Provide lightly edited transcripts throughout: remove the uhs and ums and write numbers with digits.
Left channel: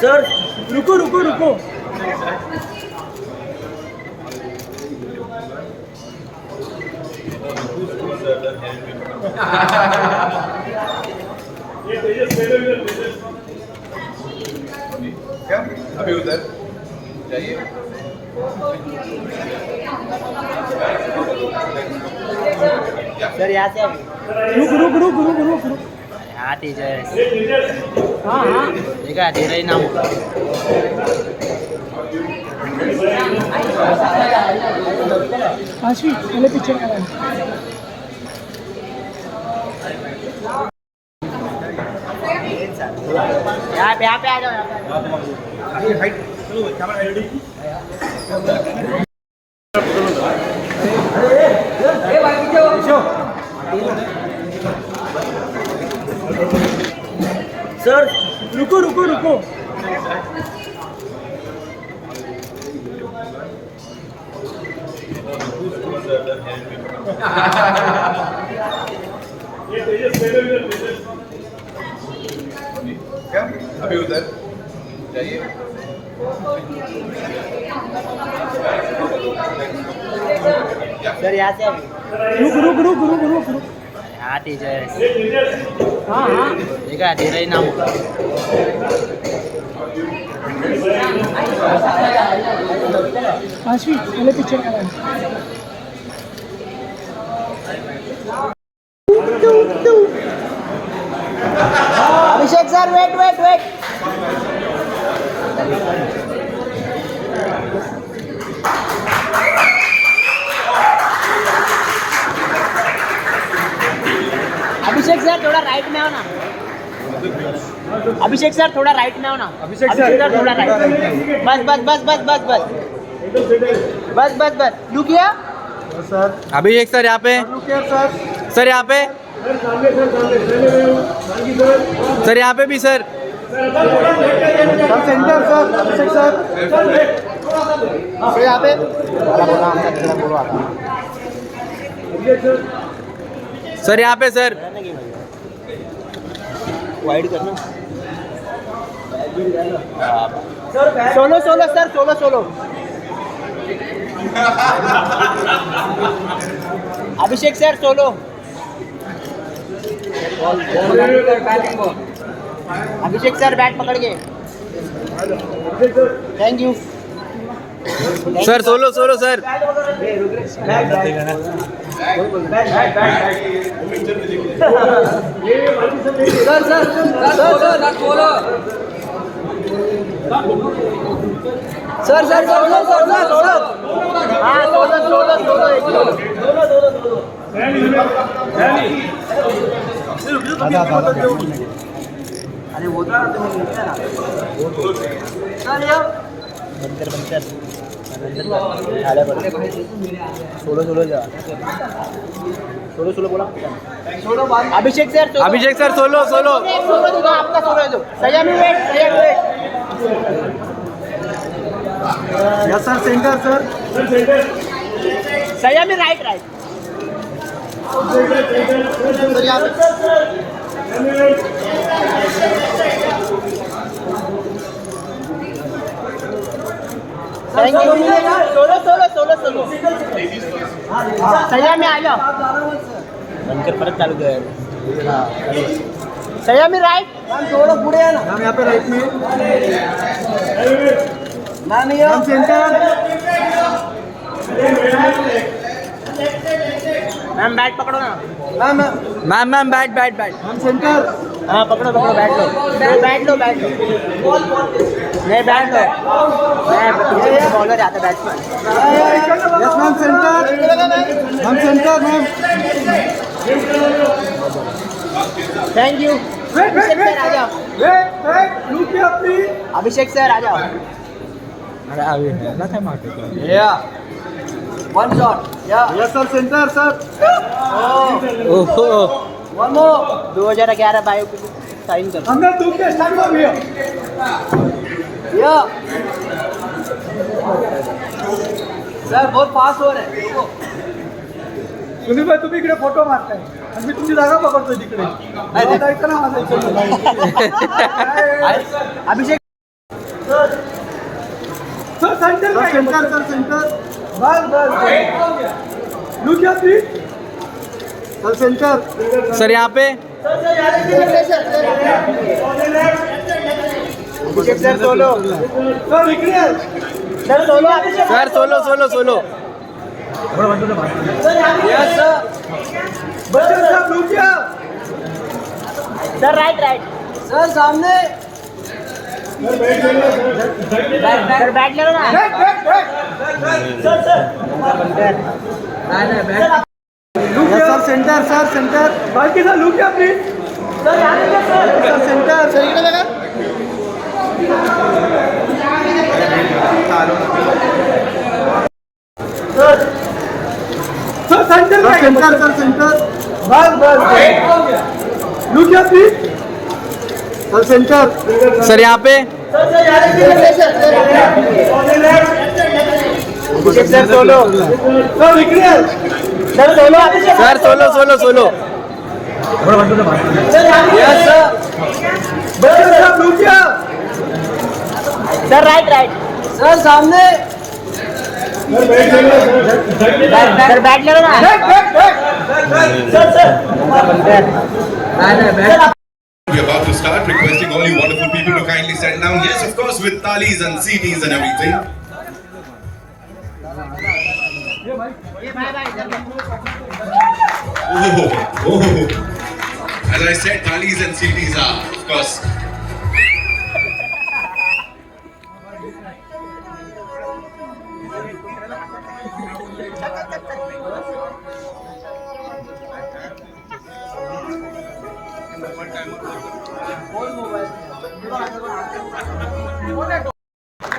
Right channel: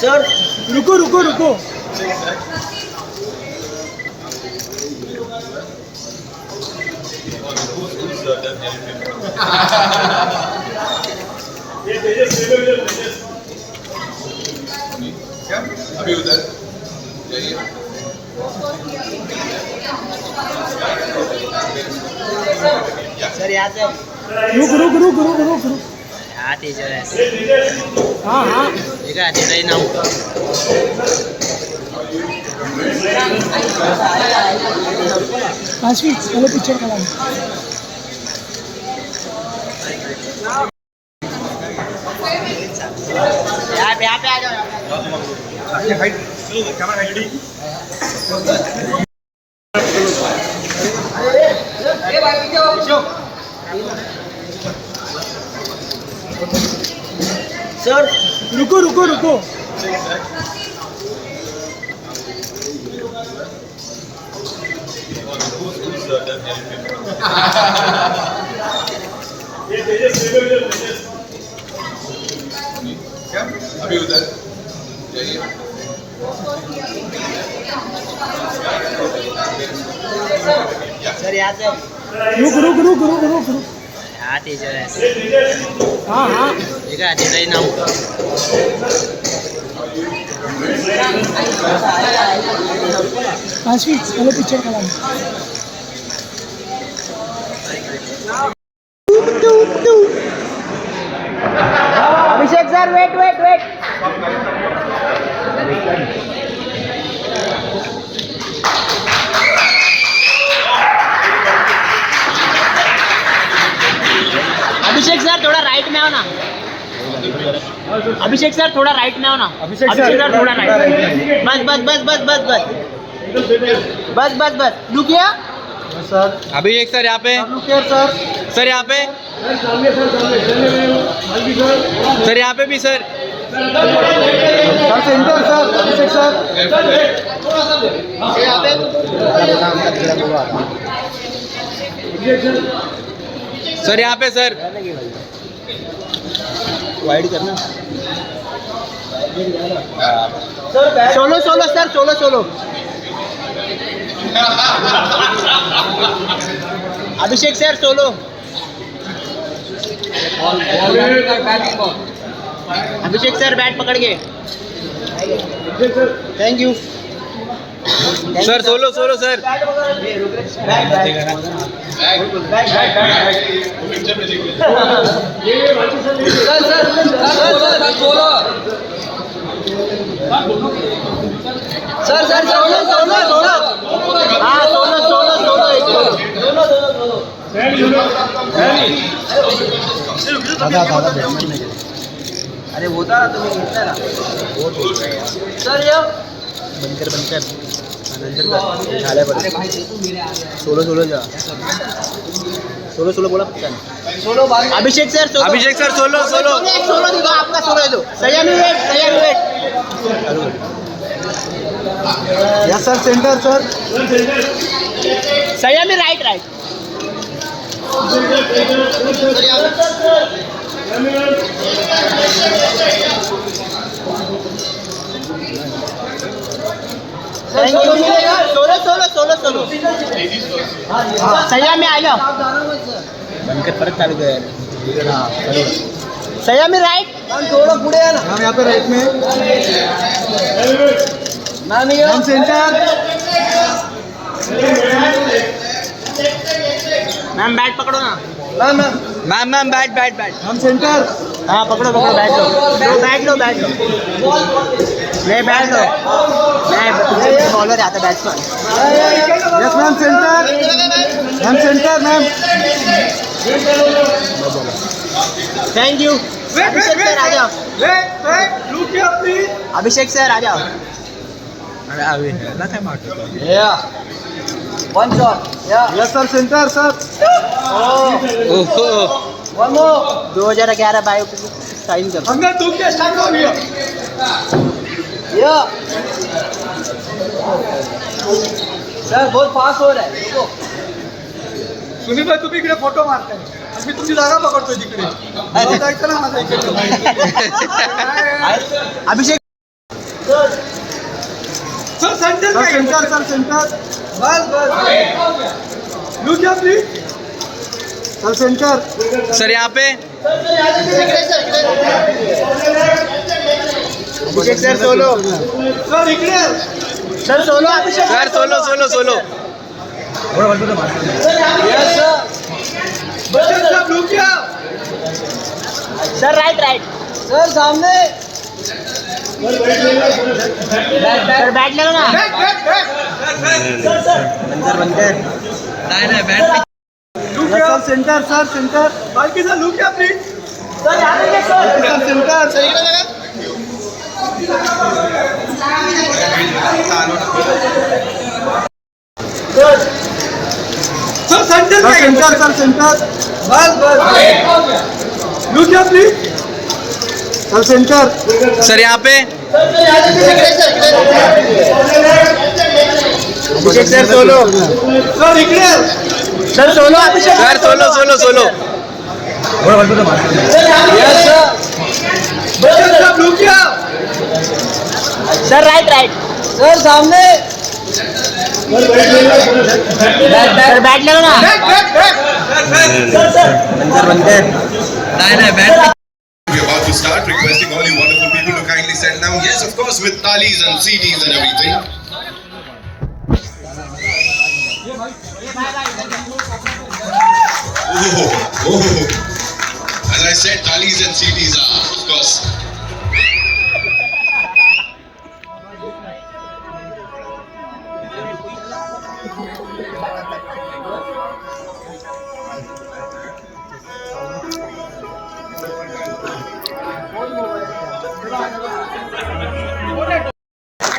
Sir रुको रुको रुको क्या अभी उधर जाइए सर यहाँ से रुको रुको रुको रुको रुको हाँ तेजस हाँ हाँ देखा दे रही ना पाँच मिनट पहले पिक्चर का यहाँ पे आ जाओ सर रुको रुको रुको क्या अभी उधर जाइए सर यहाँ से रुको रुको रुको रुको रुको हाँ तेजस हाँ हाँ देखा दे रही ना पाँच मिनट पहले पिक्चर का अभिषेक सर वेट वेट वेट अभिषेक सर थोड़ा राइट में आओ ना अभिषेक सर थोड़ा राइट में आओ ना अभिषेक सर थोड़ा राइट बस बस बस बस बस बस बस बस बस रुकिए अभिषेक सर यहाँ पे सर यहाँ पे सर यहाँ पे भी sir centre sir Abhishek sir यहाँ पे सर यहाँ पे सर वाइड करना solo solo sir solo solo Abhishek sir solo Abhishek sir bat पकड़ के thank you sir solo solo sir picture में देख सर सर अरे वो था तुम्हें सर ये बनकर सोलो सोलो जा सोलो सोलो बोला solo Abhishek sir solo solo दो आपका सोलो दो Saiyami wait yes sir centre sir Saiyami right thank you solo Saiyami आ जाओ बनकर परत चालू कर सयामी राइट थोड़ा पुढे मैम यहाँ पे राइट में मैम सेंटर मैम बैट पकड़ो ना मैम बैट मैम सेंटर हाँ पकड़ो बैट लो नहीं बैट लो मैं बॉलर आता batsman yes ma'am centre ma'am thank you Abhishek sir आ जाओ अभिषेक सर आ जाओ अरे अभी ना काय मारतो one shot yes sir centre sir ओहो 2011 बायो साइन कर हमने तुम के स्टार्ट हो गया सर बहुत फास्ट हो रहा है सुनील भाई तुम्ही इकडे फोटो मारताय मी तुमची जागा पकडतोय तिकडे मला जायचं ना माझं इकडनं. अभिषेक सर सेंटर सर सेंटर बस look here please sir centre sir यहाँ पे अभिषेक सर सोलो सर इकडे sir solo Abhishek sir solo solo solo sir look here sir right sir सामने सर बैठ लो ना सर सेंटर बाकी sir look here please sir centre sir इकडे बघा sir centre बस look here please sir centre sir यहाँ पे अभिषेक सर सोलो सर इकडे sir solo Abhishek sir solo solo solo sir look here sir right sir सामने sir बैठ लो ना We're about to start, requesting all you wonderful people to kindly settle down. Yes, of course, with talis and CDs and everything. Oh. As I said, talis and CDs are, of course.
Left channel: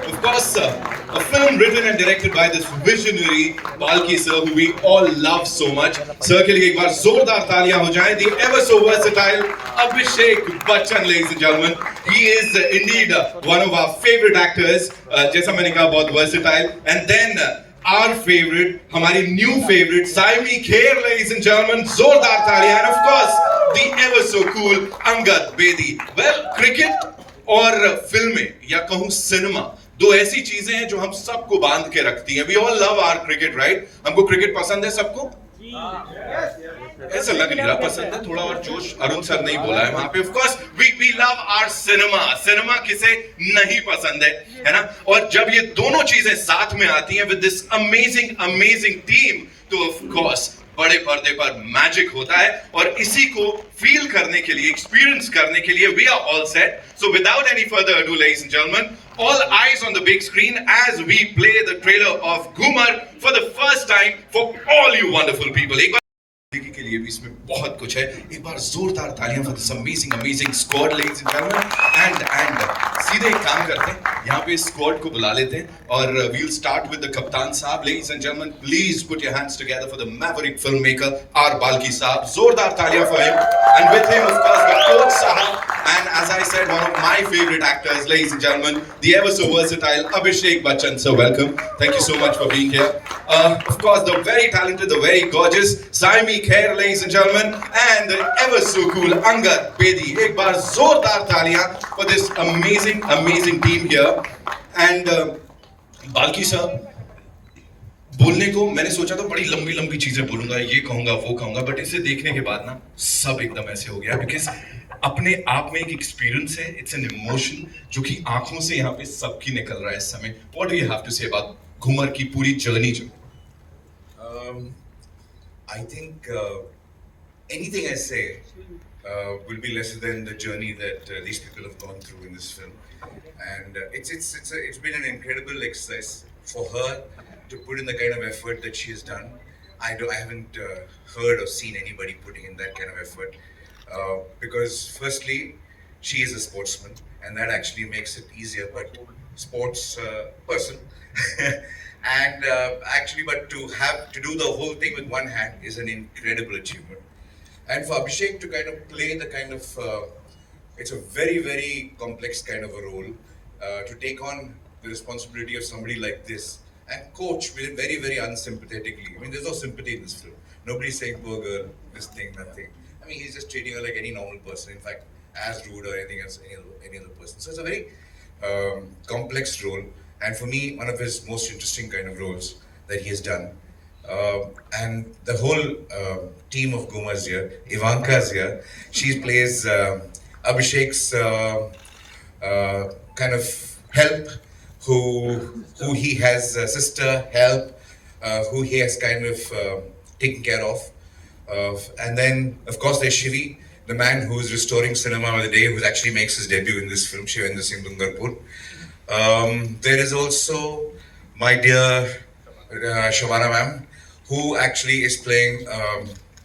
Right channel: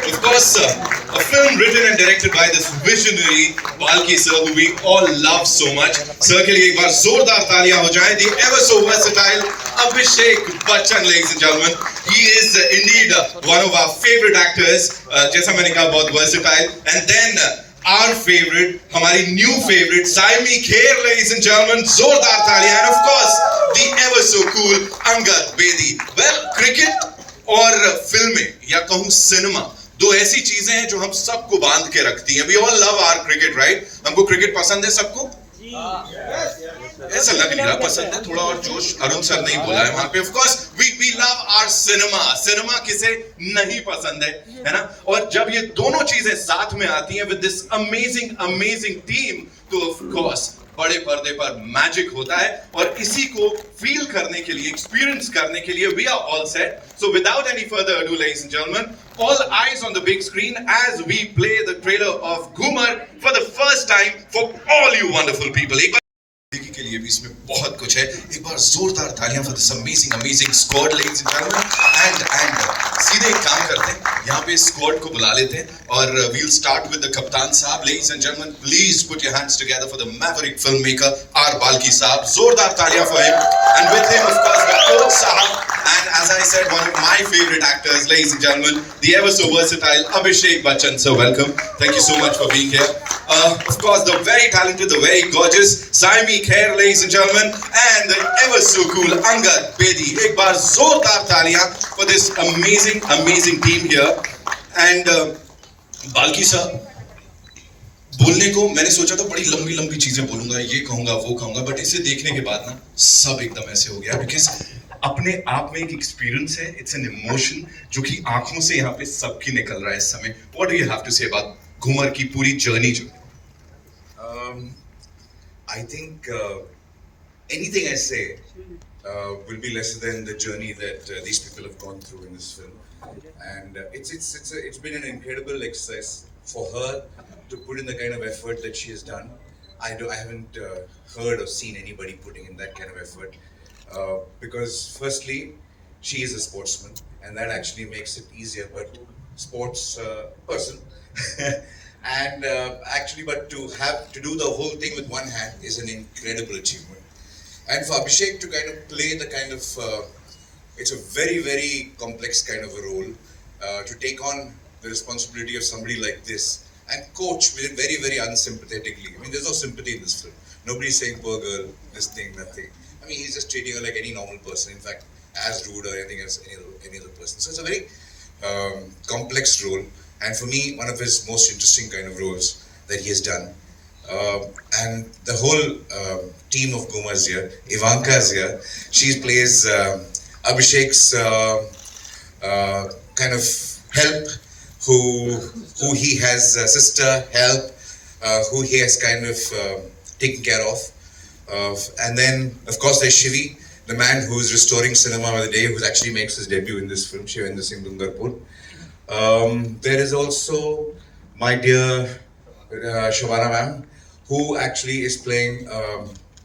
Of course, a film written and directed by this visionary Balki sir, who we all love so much. Sir के लिए एक बार जोरदार तालियां हो जाएं. The ever so versatile Abhishek Bachchan, ladies and gentlemen. He is indeed one of our favorite actors. जैसा मैंने कहा, बहुत versatile. And then our favorite, हमारी new favorite, Saiyami kher, ladies and gentlemen. जोरदार तालियां. And of course, the ever so cool Angad, bedi. Well, cricket और फिल्में या कहूँ सिनेमा, दो ऐसी चीजें हैं जो हम सबको बांध के रखती हैं. We all love our cricket, right? हमको क्रिकेट पसंद है सबको? ऐसा लग नहीं रहा पसंद है. थोड़ा और जोश अरुण सर नहीं बोला है वहां पे. Of course, we love our cinema. Cinema किसे नहीं पसंद है ना? और जब ये दोनों चीजें साथ में आती हैं with this amazing team, तो of course बड़े पर्दे पर मैजिक होता है. और इसी को फील करने के लिए, एक्सपीरियंस करने के लिए we are all set. So without any further ado, ladies and gentlemen, all eyes on the big screen as we play the trailer of Ghoomer for the first time for all you wonderful people. एक बार देखने के लिए भी इसमें बहुत कुछ है. एक बार जोरदार तालियां for this amazing squad, ladies and gentlemen. And सीधे एक काम करते हैं, यहाँ पे स्क्वाड को बुला लेते हैं और we'll start with the कप्तान साहब. Ladies and gentlemen, please put your hands together for the maverick filmmaker R. Balki साहब. जोरदार तालियां for him. And with him, of course, the coach साहब. And as I said, one of my favorite actors, ladies and gentlemen, the ever so versatile Abhishek Bachchan. So welcome. Thank you so much for being here. Of course, the very talented, the very gorgeous Saiyami kher, ladies and gentlemen, and the ever so cool Angad, bedi. एक बार जोरदार तालियां for this amazing team here. And Balki sir, बोलने को मैंने सोचा था बड़ी लंबी चीजें बोलूंगा, ये कहूंगा वो कहूंगा, बट इसे देखने के बाद ना सब एकदम ऐसे हो गया. बिकॉज अपने आप में एक एक्सपीरियंस है, इट्स एन इमोशन जो कि आंखों से यहाँ पे सबकी निकल रहा है इस समय. What do you have to say about Ghoomer की पूरी जर्नी जो I think anything I say will be lesser than the journey that these people have gone through in this film, and it's been an incredible exercise for her to put in the kind of effort that she has done. I haven't heard or seen anybody putting in that kind of effort because firstly she is a sportsman and that actually makes it easier, but sports person. And actually, but to do the whole thing with one hand is an incredible achievement. And for Abhishek to kind of play the kind of, it's a very complex kind of a role. To take on the responsibility of somebody like this and coach very, very unsympathetically. I mean, there's no sympathy in this film. Nobody's saying, poor girl, this thing, that thing. I mean, he's just treating her like any normal person. In fact, as rude or anything else, any other person. So it's a very complex role, and for me, one of his most interesting kind of roles that he has done. And the whole team of Ghoomer is here. Ivanka is here. She plays Abhishek's kind of help, who he has sister help, who he has kind of taken care of. And then, of course, there's Shivi, the man who's restoring cinema by the day, who actually makes his debut in this film, Shivendra Singh Dungarpur. There is also my dear Shavana ma'am, who actually is playing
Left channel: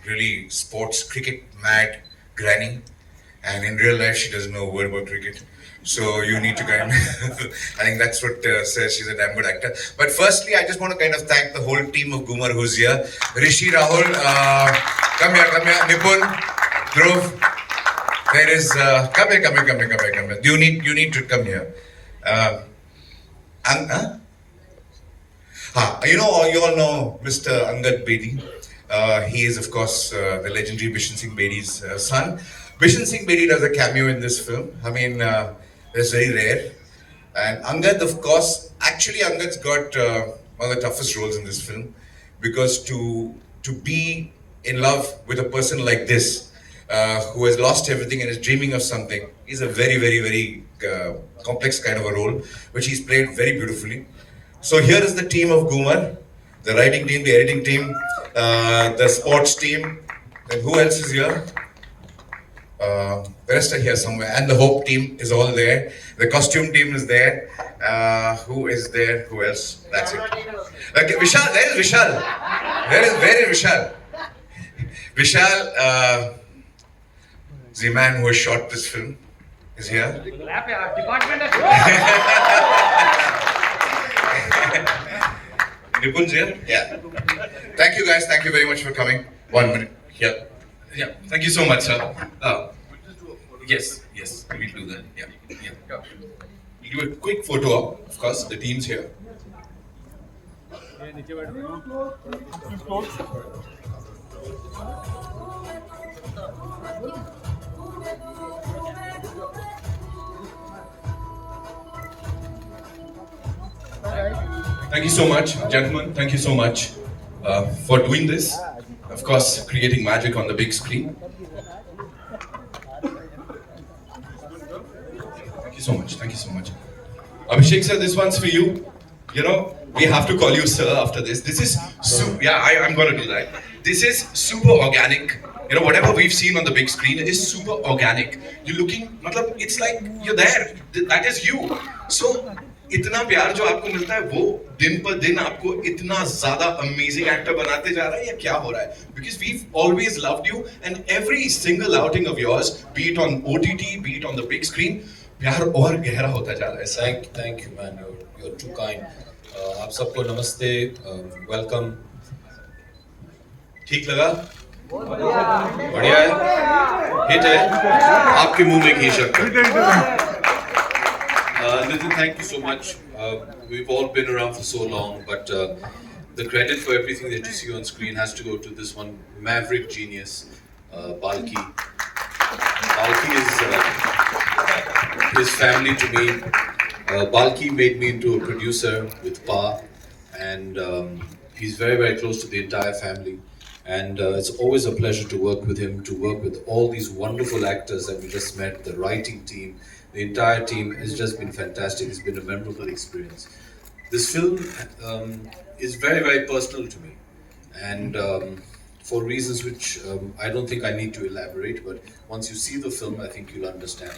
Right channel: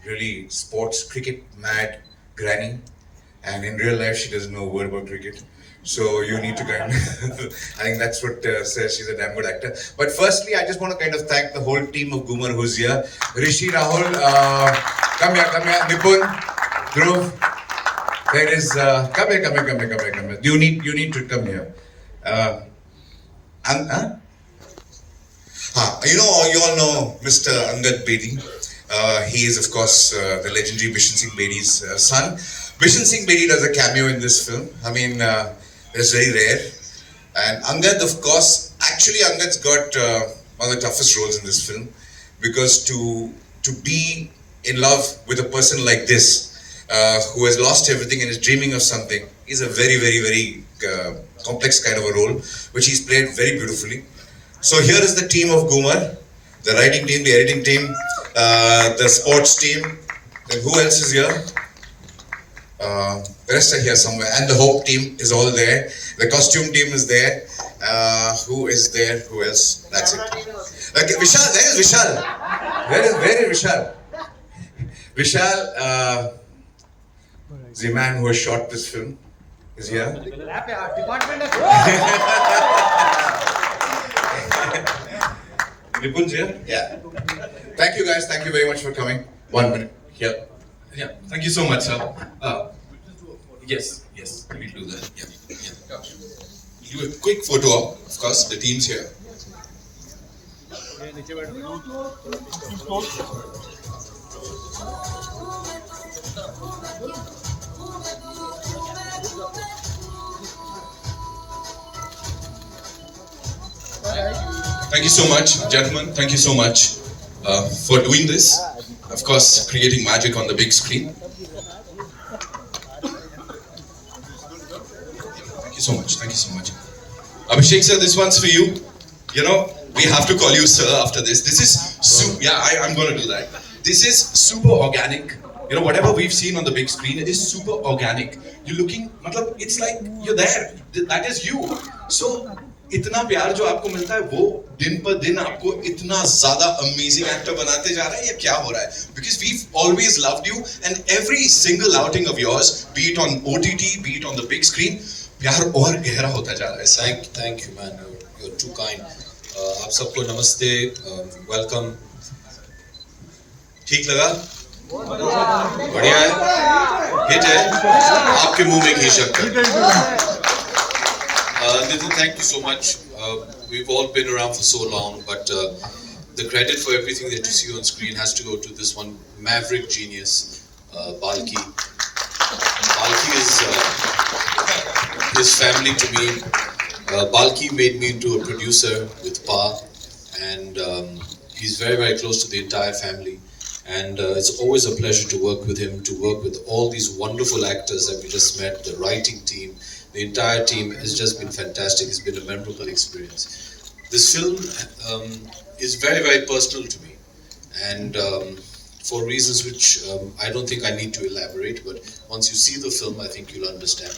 really sports cricket mad granny, and in real life she doesn't know a word about cricket. So you need to kind of, I think that's what says she's a damn good actor. But firstly, I just want to kind of thank the whole team of Ghoomer who's here. Rishi, Rahul, come here, Nipun, Dhruv. There is, come here. You need to come here. You all know Mr. Angad Bedi. He is, of course, the legendary Bishan Singh Bedi's son. Bishan Singh Bedi does a cameo in this film. I mean, it's very rare. And Angad, of course, actually Angad's got one of the toughest roles in this film, because to be in love with a person like this, who has lost everything and is dreaming of something, is a very, very, very complex kind of a role, which he's played very beautifully. So here is the team of Ghoomer, the writing team, the editing team, the sports team. Then who else is here? The rest are here somewhere. And the Hope team is all there. The costume team is there. Who is there? Who else? That's it. Okay, Vishal, where is Vishal? Where is Vishal? Vishal, the man who has shot this film, is here. Nipun's here? Yeah. Thank you guys. Thank you very much for coming. 1 minute. Yeah. Yeah, thank you so much, sir. Yes, we'll do that. Yeah. We'll do a quick photo op. Of course, the team's here. Thank you so much, gentlemen. Thank you so much for doing this. Of course, creating magic on the big screen. Thank you so much. Abhishek sir, this one's for you. You know, we have to call you sir after this. This is I'm going to do that. This is super organic. You know, whatever we've seen on the big screen is super organic. You're looking, it's like you're there. That is you. So, इतना प्यार जो आपको मिलता है वो दिन पर दिन आपको इतना ज़्यादा amazing actor बनाते जा रहा है या क्या हो रहा है? Because we've always loved you and every single outing of yours, be it on OTT, be it on the big screen, प्यार और गहरा होता जा रहा है. Thank you, man. You're too kind. आप सबको नमस्ते, welcome. ठीक लगा? बढ़िया है? हिट है? आपके मुंह में घी शक्कर. Nitin, thank you so much. We've all been around for so long, but the credit for everything that you see on screen has to go to this one maverick genius, Balki. Balki is his family to me. Balki made me into a producer with Pa, and he's very, very close to the entire family. And it's always a pleasure to work with him, to work with all these wonderful actors that we just met, the writing team. The entire team has just been fantastic. It's been a memorable experience. This film is very, very personal to me, and for reasons which I don't think I need to elaborate, but once you see the film, I think you'll understand.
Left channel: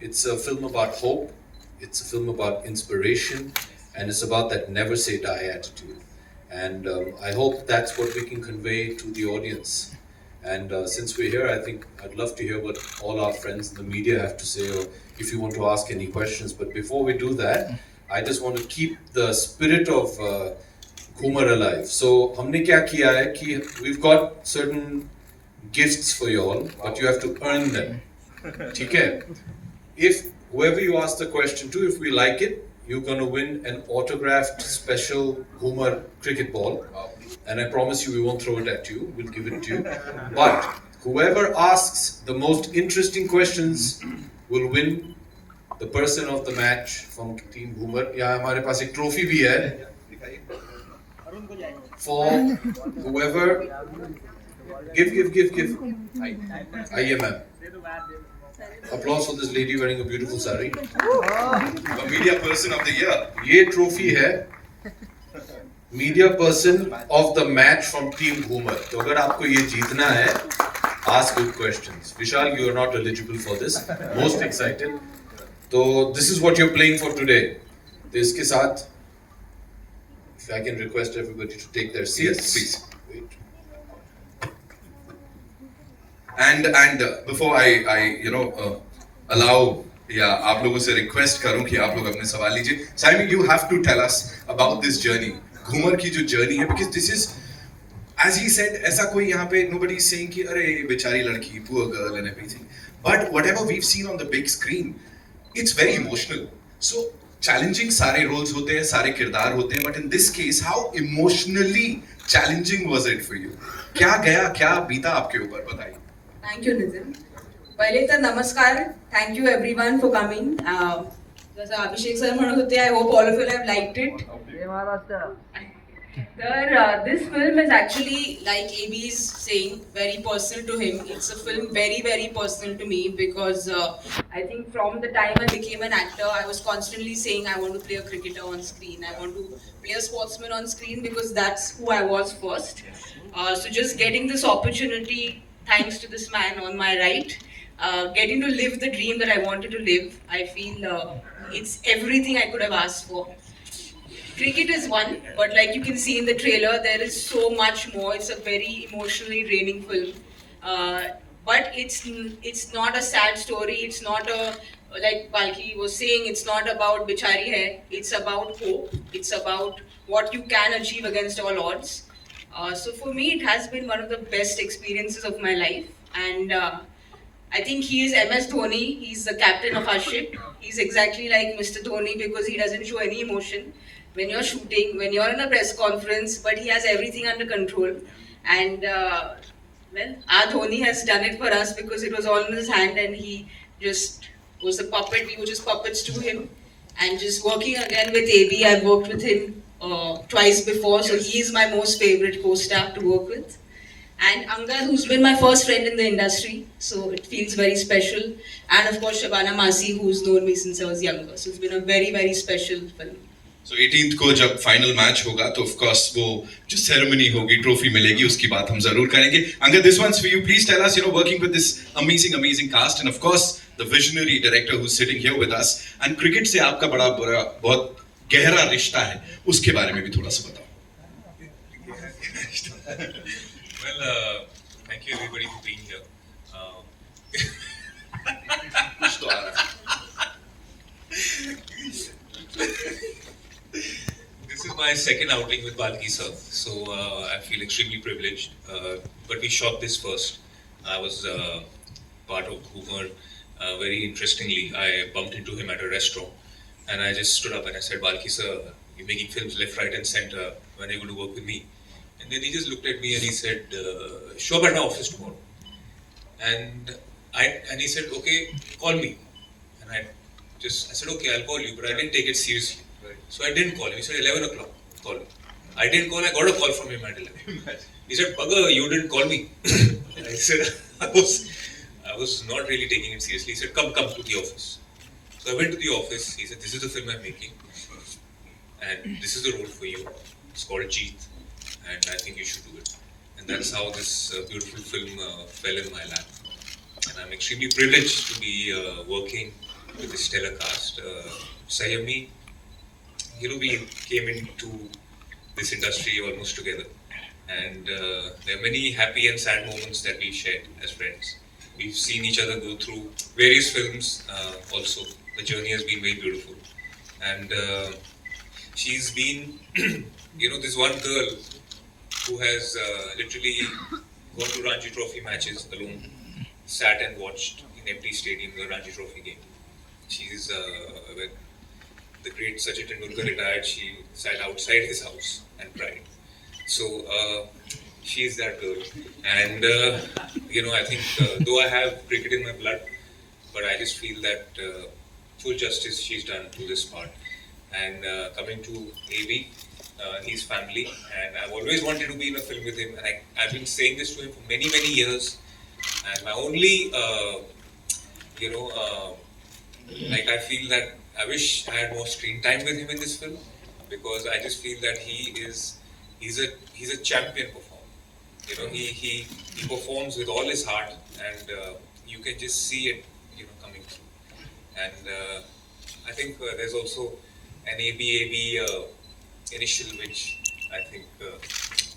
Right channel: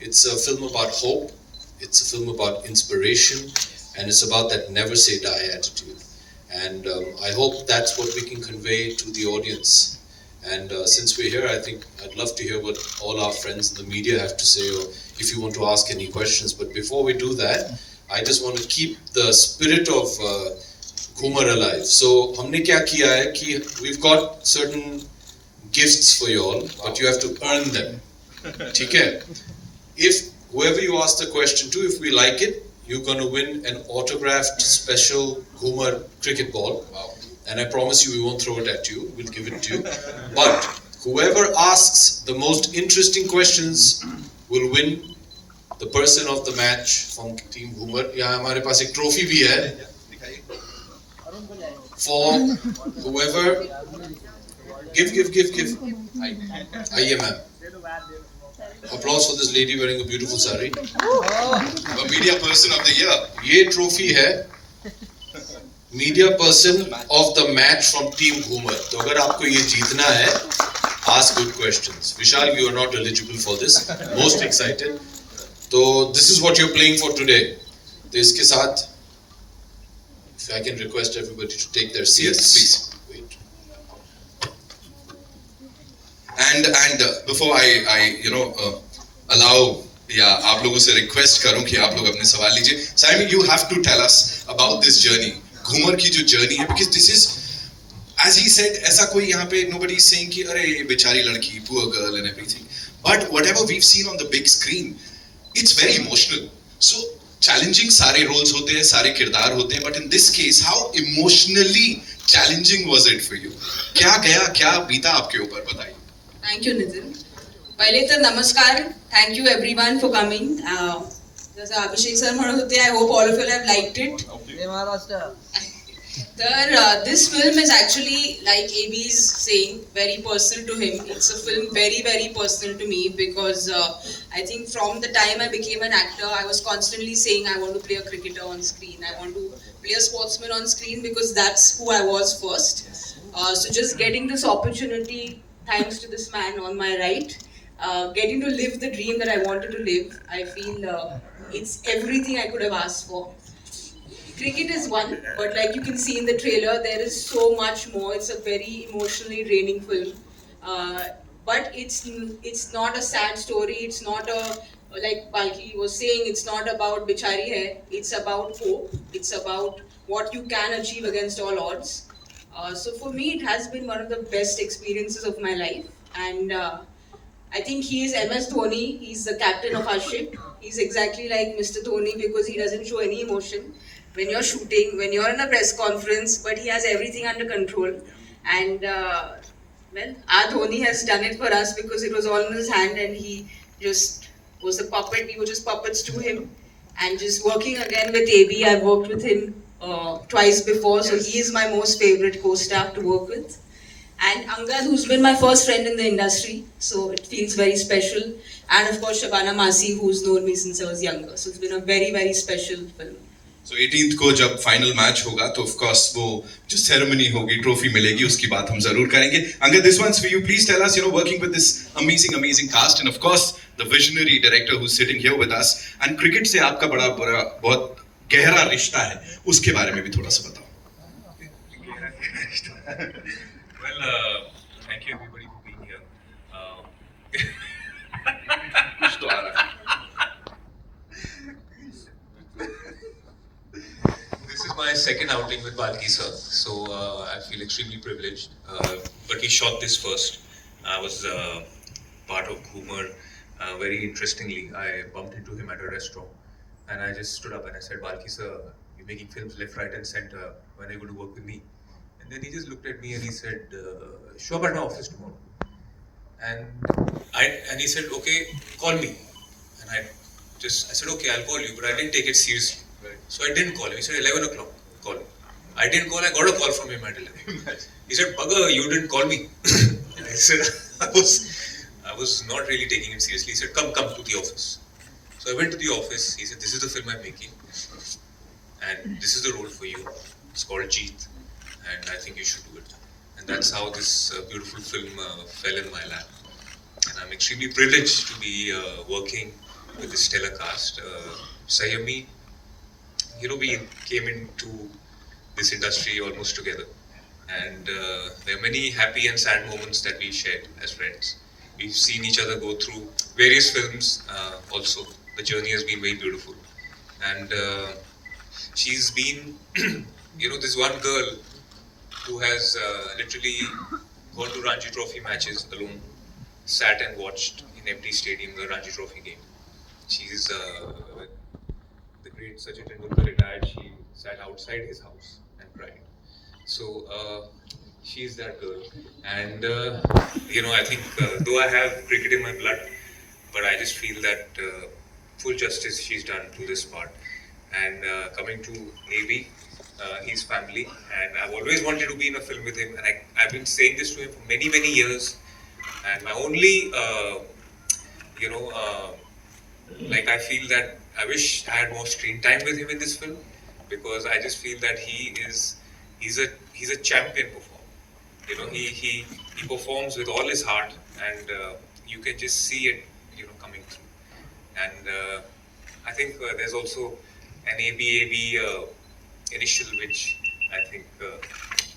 It's a film about hope, it's a film about inspiration, and it's about that never say die attitude. And I hope that's what we can convey to the audience. And since we're here, I think I'd love to hear what all our friends in the media have to say, or if you want to ask any questions. But before we do that, I just want to keep the spirit of Ghoomer alive. So, हमने क्या किया है कि we've got certain gifts for you all, but you have to earn them. ठीक है? If whoever you ask the question to, if we like it, you're going to win an autographed special Ghoomer cricket ball. And I promise you, we won't throw it at you. We'll give it to you. But whoever asks the most interesting questions will win the person of the match from Team Ghoomer. Yeah, हमारे पास एक trophy भी है. For whoever, give. आइए ma'am. Applause for this lady wearing a beautiful sari. A media person of the year. ये trophy है media person of the match from Team Ghoomer. तो अगर आपको ये जीतना है, ask good questions. Vishal, you are not eligible for this. Most excited. So this is what you're playing for today. तो इसके साथ, if I can request everybody to take their seats. Yes, please. Wait. And before I allow या आप लोगों से request करूं कि आप लोग अपने सवाल लीजिए. Saiyami, you have to tell us about this journey. Ghoomar की जो जर्नी है, because this is, as he said, ऐसा कोई यहाँ पे nobody is saying कि अरे बेचारी लड़की, poor girl and everything. But whatever we've seen on the big screen, it's very emotional. So challenging सारे roles होते हैं, सारे किरदार होते हैं, but in this case, how emotionally challenging was it for you? क्या गया, क्या बीता आपके ऊपर, बताइए. Thank you, Nitin. पहले तर नमस्कार. Thank you everyone for coming. जैसा अभिषेक सर म्हणत होते, I hope all of you have liked it. This film is actually, like AB is saying, very personal to him. It's a film very, very personal to me because I think from the time I became an actor, I was constantly saying I want to play a cricketer on screen. I want to play a sportsman on screen because that's who I was first. So just getting this opportunity, thanks to this man on my right, getting to live the dream that I wanted to live, I feel it's everything I could have asked for. Cricket is one, but like you can see in the trailer, there is so much more. It's a very emotionally draining film. But it's not a sad story. It's not like Balki was saying, it's not about bichari hai. It's about hope. It's about what you can achieve against all odds. So for me, it has been one of the best experiences of my life. And I think he is MS Dhoni. He's the captain of our ship. He's exactly like Mr. Dhoni because he doesn't show any emotion when you're shooting, when you're in a press conference, but he has everything under control. And well, our Dhoni has done it for us because it was all in his hand and he just was a puppet. We were just puppets to him. And just working again with AB, I've worked with him twice before, so he is my most favorite co-star to work with. And Angad, who's been my first friend in the industry, so it feels very special. And of course, Shabana Masi, who's known me since I was younger. So it's been a very, very special film. So 18th को जब final match होगा तो of course वो जो ceremony होगी, trophy मिलेगी, उसकी बात हम जरूर करेंगे. Angad, this one's for you. Please tell us, working with this amazing cast and of course the visionary director who's sitting here with us, and cricket से आपका बहुत गहरा रिश्ता है, उसके बारे में भी थोड़ा सा बताओ. Well, thank you everybody for being here. कुछ तो आ रहा है. This is my second outing with Balki sir, so I feel extremely privileged. But we shot this first. I was part of Ghoomer. Very interestingly, I bumped into him at a restaurant, and I just stood up and I said, "Balki sir, you're making films left, right, and center. When are you going to work with me?" And then he just looked at me and he said, "Show up at my office tomorrow." And he said, "Okay, call me." And I said, "Okay, I'll call you," but I didn't take it seriously. So I didn't call him. He said 11 o'clock, call me. I didn't call, I got a call from him at 11. He said, "Bugger, you didn't call me." And I said, I was not really taking him seriously. He said, come to the office. So I went to the office. He said, "This is the film I'm making. And this is the role for you. It's called Jeet. And I think you should do it." And that's how this beautiful film fell in my lap. And I'm extremely privileged to be working with this stellar cast. Saiyami, we came into this industry almost together, and there are many happy and sad moments that we shared as friends. We've seen each other go through various films also. The journey has been very beautiful, and she's been, this one girl who has literally gone to Ranji Trophy matches alone, sat and watched in empty stadium the Ranji Trophy game. She's the great Sachin Tendulkar retired, she sat outside his house and cried. So she's that girl, and I think though I have cricket in my blood, but I just feel that full justice she's done to this part. And coming to AB, his family, and I've always wanted to be in a film with him, and I've been saying this to him for many years. And my only, like I feel that I wish I had more screen time with him in this film, because I just feel that he's a champion performer. He performs with all his heart, and you can just see it, coming through. And I think there's also an ABAB initial, which I think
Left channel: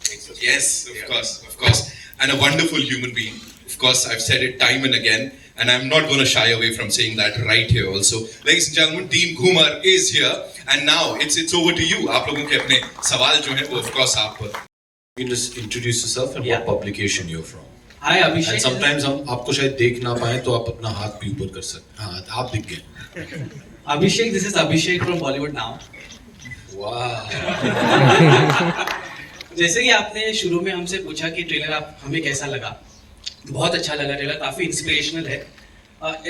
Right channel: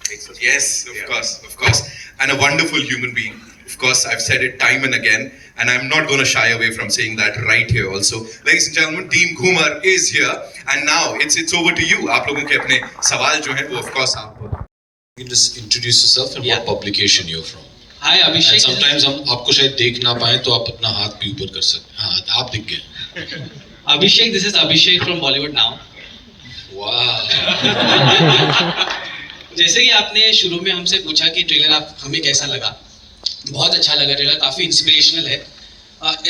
makes us. Yes, of course. And a wonderful human being. Of course, I've said it time and again, and I'm not going to shy away from saying that right here also. Ladies and gentlemen, Team Ghoomer is here, and now it's over to you. आप लोगों के अपने सवाल जो हैं वो of course आप. You just introduce yourself and what publication you're from. Hi Abhishek. And sometimes हम आपको शायद देख ना पाएं तो आप अपना हाथ भी ऊपर कर सकते हैं. हाँ, आप दिख गए. Abhishek, this is Abhishek from Bollywood now. Wow. जैसे कि आपने शुरू में हमसे पूछा कि ट्रेलर आप हमें कैसा लगा, बहुत अच्छा लगा. ट्रेलर काफ़ी इंस्पिरेशनल है.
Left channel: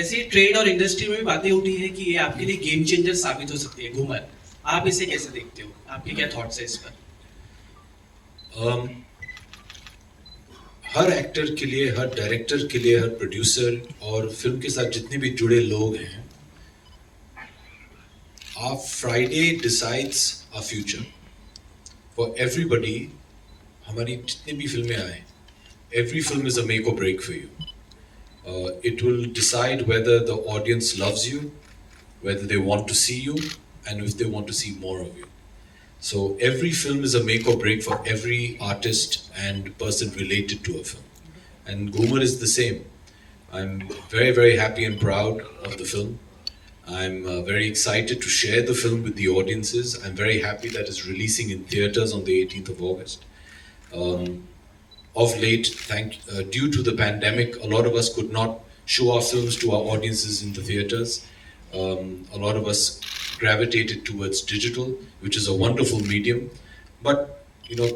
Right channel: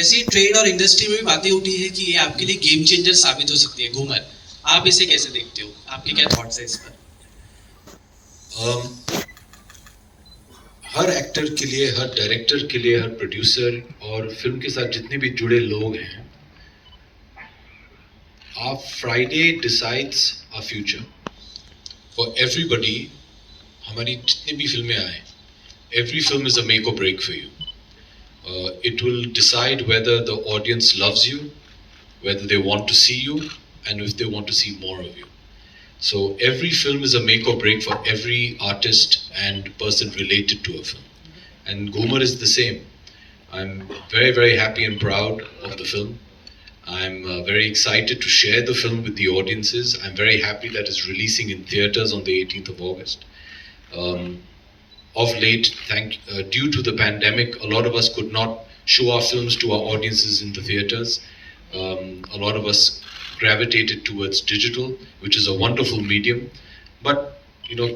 ऐसी ट्रेड और इंडस्ट्री में भी बातें उठी है कि ये आपके लिए गेम चेंजर साबित हो सकती है. घूमर, आप इसे कैसे देखते हो? आपके क्या थॉट्स है इस पर? हर एक्टर के लिए, हर डायरेक्टर के लिए, हर प्रोड्यूसर और फिल्म के साथ जितने भी जुड़े लोग हैं, our Friday decides our future. For everybody, हमारी जितनी भी फिल्में आए, every film is a make or break for you. It will decide whether the audience loves you, whether they want to see you, and if they want to see more of you. So every film is a make or break for every artist and person related to a film. And Ghoomer is the same. I'm very happy and proud of the film. I'm very excited to share the film with the audiences. I'm very happy that it's releasing in theaters on the 18th of August. Of late, due to the pandemic, a lot of us could not show our films to our audiences in the theaters. A lot of us gravitated towards digital, which is a wonderful medium. But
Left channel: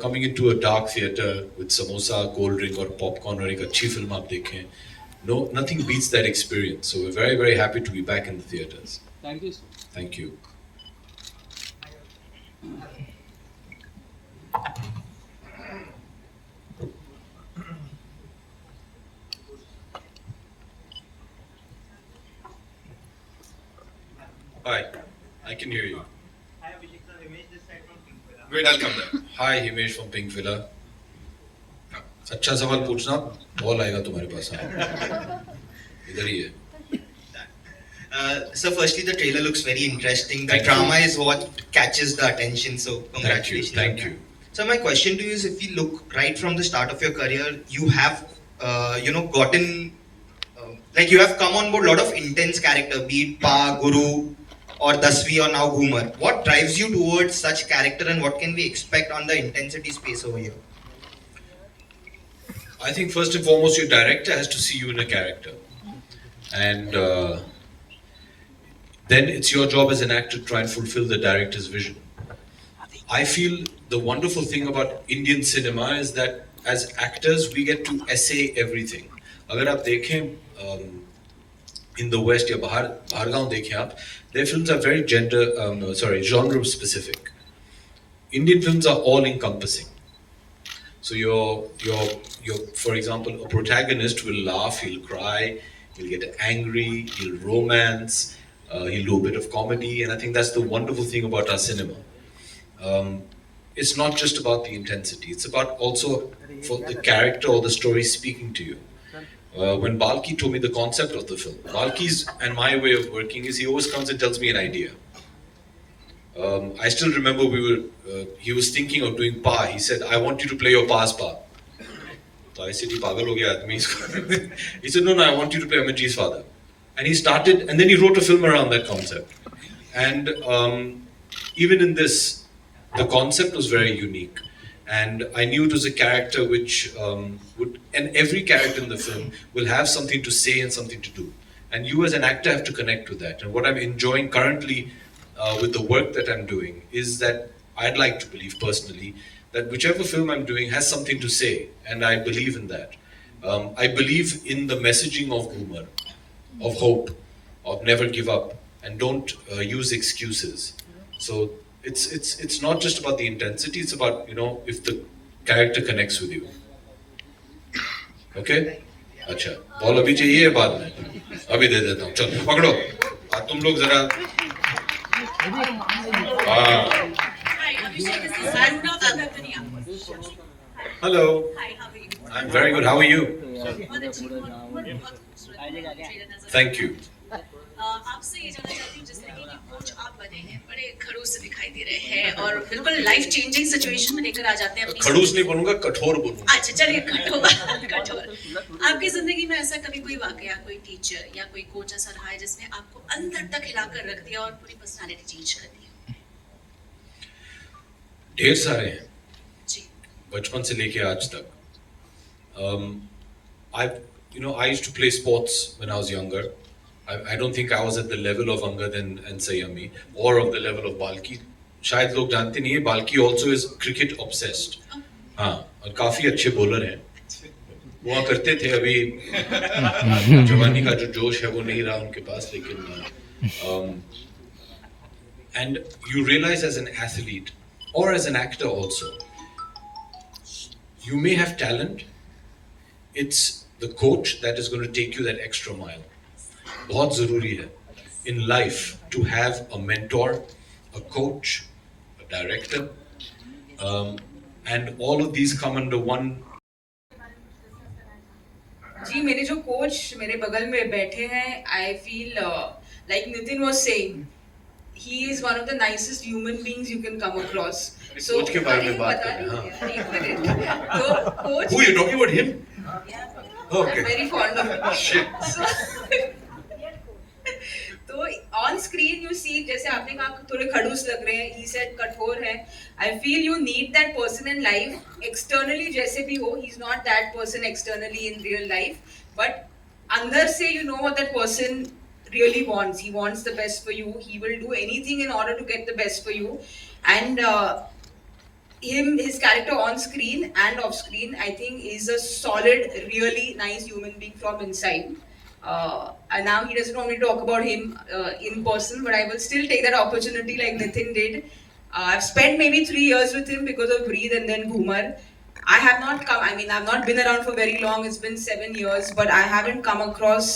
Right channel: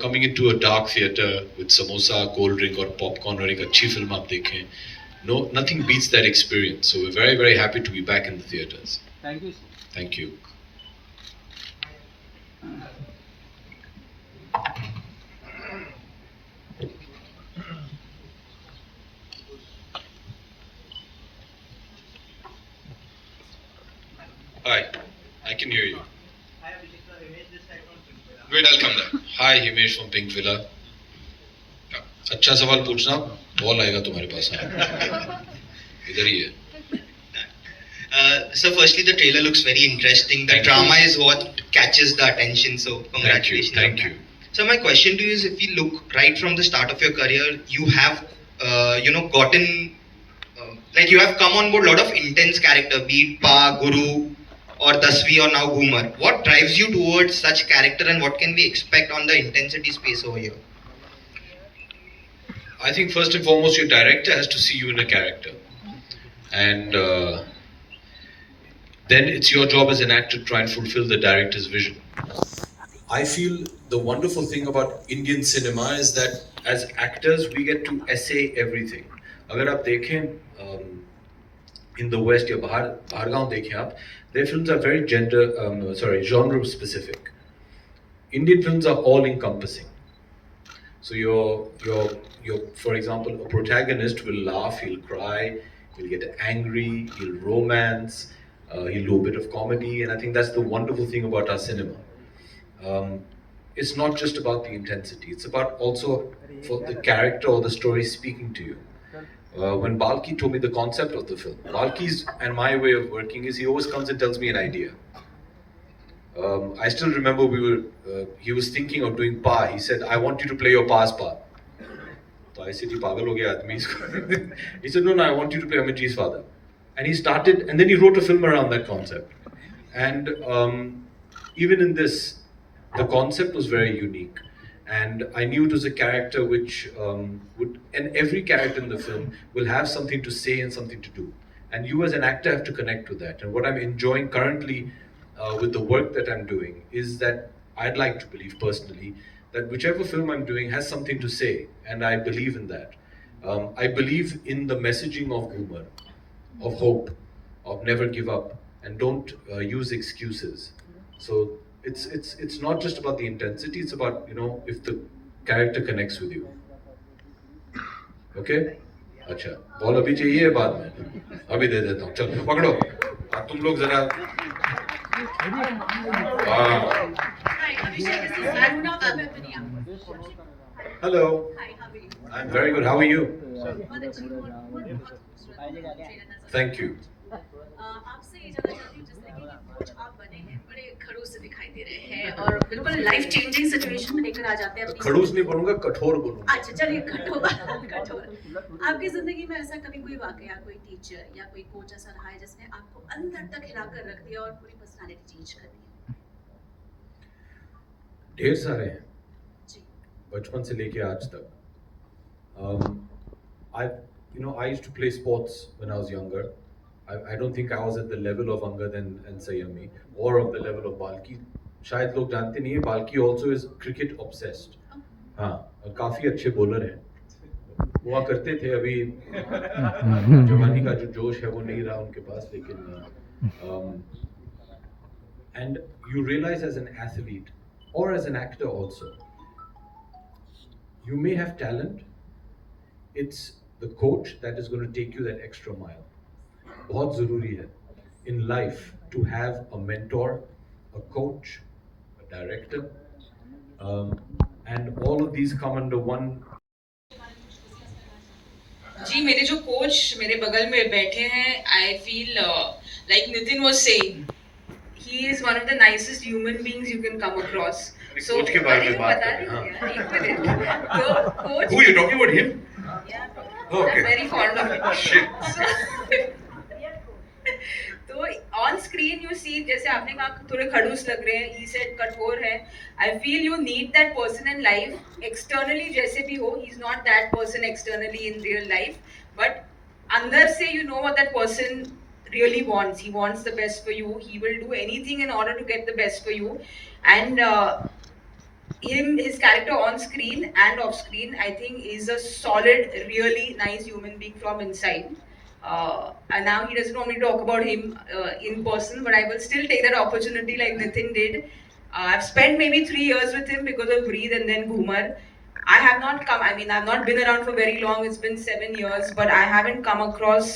coming into a dark theater with samosa, cold drink or popcorn or एक अच्छी film आप देखें, nothing beats that experience. So we're very happy to be back in the theaters. Thank you. Thank you. Hi, I can hear you. Wait, I'll come there. Hi, Himesh from Pink Villa. अच्छा सवाल पूछना, ball आएगा तुम्हारे पास. इधर ही है. So firstly, the trailer looks very interesting. The drama is what catches the attention. So congratulations. Thank you. So my question to you is, if you look right from the start of your career, you have, gotten, like you have come on board a lot of intense character, be it Pa, Guru, or Dasvi, or now Ghoomer. What drives you towards such character, and what can we expect on the intensity space over here? I think first and foremost, your director has to see you in a character, and then it's your job as an actor to try and fulfill the director's vision. I feel the wonderful thing about Indian cinema is that as actors we get to essay everything. अगर आप देखें in the West या बाहर गांव देखें आप, their films are very genre specific. Indian films are all encompassing. So your for example, a protagonist will laugh, he'll cry, he'll get angry, he'll romance, he'll do a bit of comedy, and I think that's the wonderful thing about our cinema. It's not just about the intensity, it's about also for the character or the story speaking to you. When Balki told me the concept of the film, Balki's and my way of working is he always comes and tells me an idea. I still remember he was thinking of doing Pa. He said, I want you to play your Pa's Pa. So I said, he said, no, I want you to play Amitji's father. And he started, and then he wrote a film around that concept. And even in this, the concept was very unique. And I knew it was a character which and every character in the film will have something to say and something to do. And you as an actor have to connect with that. And what I'm enjoying currently with the work that I'm doing is that I'd like to believe personally that whichever film I'm doing has something to say, and I believe in that. I believe in the messaging of Ghoomer, of hope, of never give up, and don't use excuses. So it's not just about the intensity; it's about if the character connects with you. Okay? अच्छा ball अभी चाहिए या बाद में अभी दे देता हूँ चलो पकड़ो तुम लोग जरा hello I'm very good. How are you? Thank you. आपसे ये जानना चाहती हूँ जिस तरीके की कोच आप बने हैं बड़े खड़ूस से दिखाई दे रहे हैं और बिल्कुल लाइफ चेंजिंग सिचुएशन में लेकर आ जाते हैं अपनी खड़ूस नहीं बोलूंगा कठोर बोलूंगा अच्छा चलिए कठोर कठोर आपकी जिंदगी में ऐसा कभी कोई वाकया कोई टीचर या कोई कोच ऐसा रहा है जिसने आपको अंदर तक हिलाकर रख दिया और पूरी पर्सनालिटी चेंज कर दी ढेर सारे हैं जी बचपन से लेके आज तक I used to play sports when I was younger. I don't think I was at the level of Angad and Saiyami or of the level of Balki. शायद लोग जानते नहीं है Balki also is cricket obsessed. हाँ और काफी अच्छे bowler हैं हुआ करते थे अभी जवानी का जो जोश है वो नहीं रहा उनके पास लेकिन and you realize as an athlete or as an actor also you may have talent. It's the coach that is going to take you that extra mile. बहुत ज़रूरी है in life to have a mentor, a coach, a director, and all of these come under one. जी मेरे जो coach मेरे बगल में बैठे हैं I feel like Nitin was saying he is one of the nicest human beings you can come across so coach के बारे में बात कर रहे हैं हाँ तो coach Who you talking about him? I'm very fond of it. Shit. तो ऑन स्क्रीन यू सी जैसे आपने कहा थोड़े खड़ूस लग रहे हैं ही सेड कठोर है I feel you need that person in life externally जैसे भी हो he is not that person externally in real life but अंदर से you know what that person really wants. He wants the best for you. He will do anything in order to get the best for you. And his character on screen and off screen, I think, is a solid, really nice human being from inside. And now he doesn't want me to talk about him in person, but I will still take that opportunity like Nitin did. I've spent maybe 3 years with him because of Breathe and then Ghoomer. I've not been around for very long. It's been 7 years, but I haven't come across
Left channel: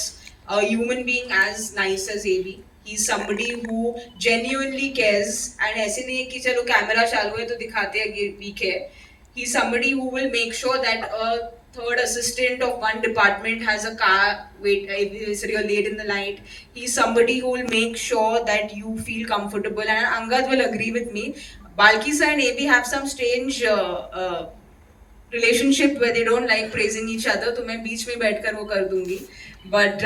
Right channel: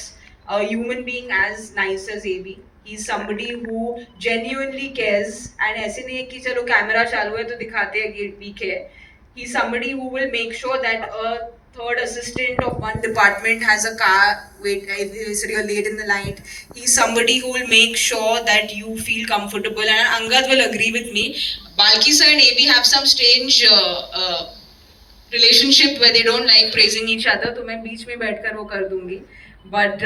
a human being as nice as AB. He's somebody who genuinely cares and ऐसे नहीं है कि चलो camera चालू है तो दिखाते हैं कि we care. He's somebody who will make sure that a third assistant of one department has a car wait if it's real late in the night. He's somebody who will make sure that you feel comfortable and Angad will agree with me. Balki sir and AB have some strange relationship where they don't like praising each other तो मैं बीच में बैठकर वो कर दूंगी. But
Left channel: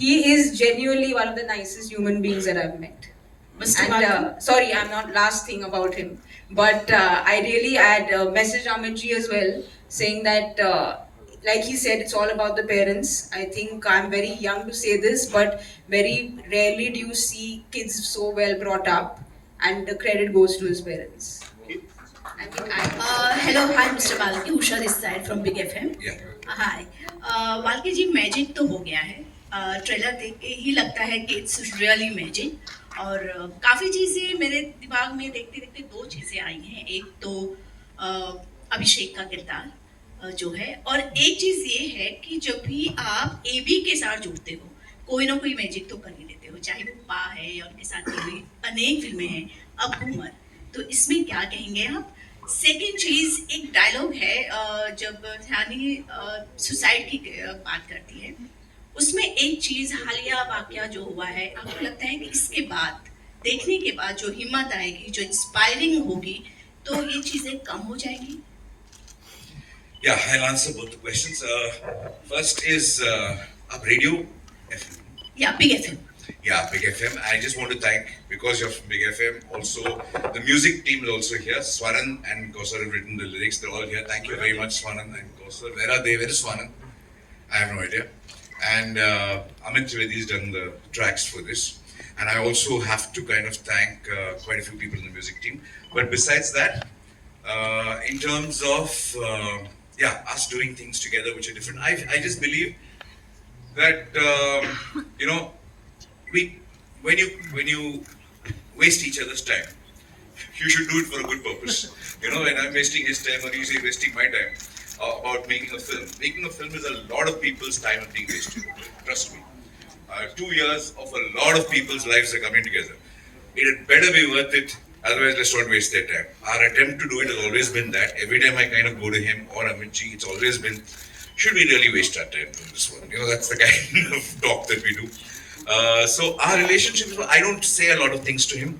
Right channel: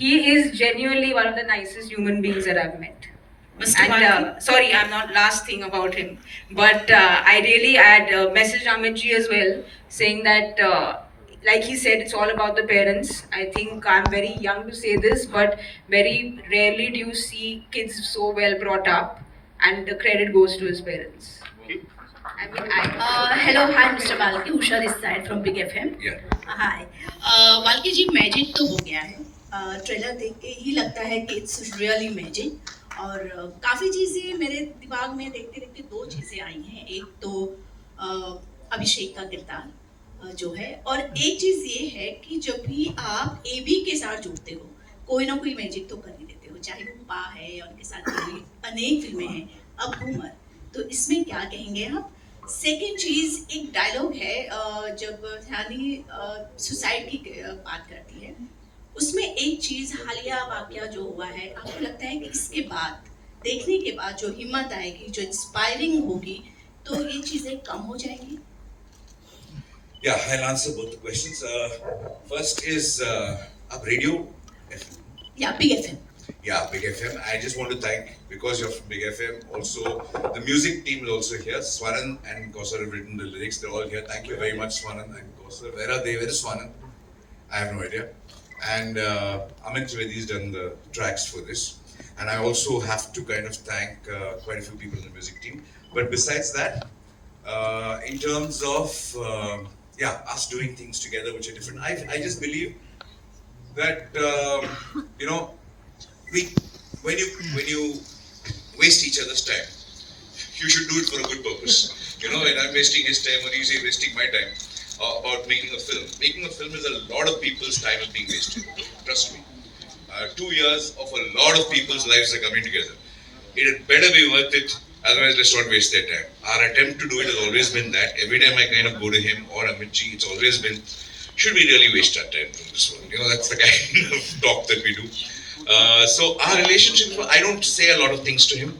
he is genuinely one of the nicest human beings that I've met. And sorry, I'm not last thing about him. But I had messaged Amit ji as well, saying that, like he said, it's all about the parents. I think I'm very young to say this, but very rarely do you see kids so well brought up, and the credit goes to his parents. Hello hi mister Balki Usha this side from big FM hi Balki ji magic तो हो गया है trailer देख के ही लगता है कि it's really magic और काफ़ी चीज़ें मेरे दिमाग में देखते देखते 2 चीज़ें आई हैं एक तो अभिषेक का किरदार जो है और एक चीज़ ये है कि जब भी आप एबी के साथ जुड़ते हो कोई ना कोई मैजिक तो कर ही देते हो चाहे वो पा है या उनके साथ की अनेक फिल्में हैं अब घूमर तो इसमें क्या कहेंगे आप सेकेंड चीज़ एक डायलॉग है जब ध्यानी सुसाइड की बात करती है उसमें एक चीज़ हालिया वाकया जो हुआ है आपको लगता है कि इसके बाद देखने के बाद जो हिम्मत आएगी जो इंस्पायरिंग होगी तो ये चीज़ें कम हो जाएंगी Yeah, I'll answer both the questions. First is radio FM. Yeah, Big FM. Yeah, Big FM. I just want to thank, because you're from Big FM, also the music team is also here. Swaran and Kausar have written the lyrics. They're all here. Thank you very much, Swaran and Kausar. Where are they? Where is Swaran? I have no idea. And Amit Trivedi's done the tracks for this. and I also have to kind of thank quite a few people in the music team. But besides that, in terms of us doing things together which are different, I just believe that we when you waste each other's time, you should do it for a good purpose. When I'm wasting his time or he's wasting my time about making a film. Making a film is a lot of people's time is being wasted. Trust me. 2 years of a lot of people's lives are coming together. It had better be worth it. Otherwise, let's not waste their time. Our attempt to do it has always been that. Every time I kind of go to him or Amitji, it's always been, should we really waste our time on this one? That's the kind of talk that we do. So our relationship, I don't say a lot of things to him.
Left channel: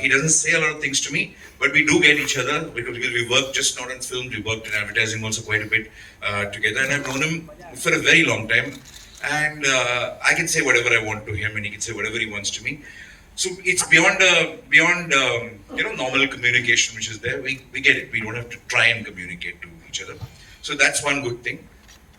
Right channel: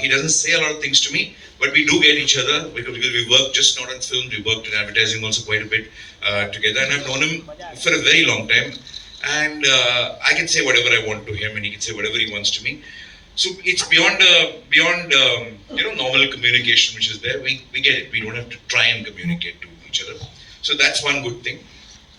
He doesn't say a lot of things to me, but we do get each other because we work just not on film, we worked in advertising also quite a bit together, and I've known him for a very long time, and I can say whatever I want to him and he can say whatever he wants to me. So it's beyond normal communication which is there. We get it. We don't have to try and communicate to each other. So that's one good thing.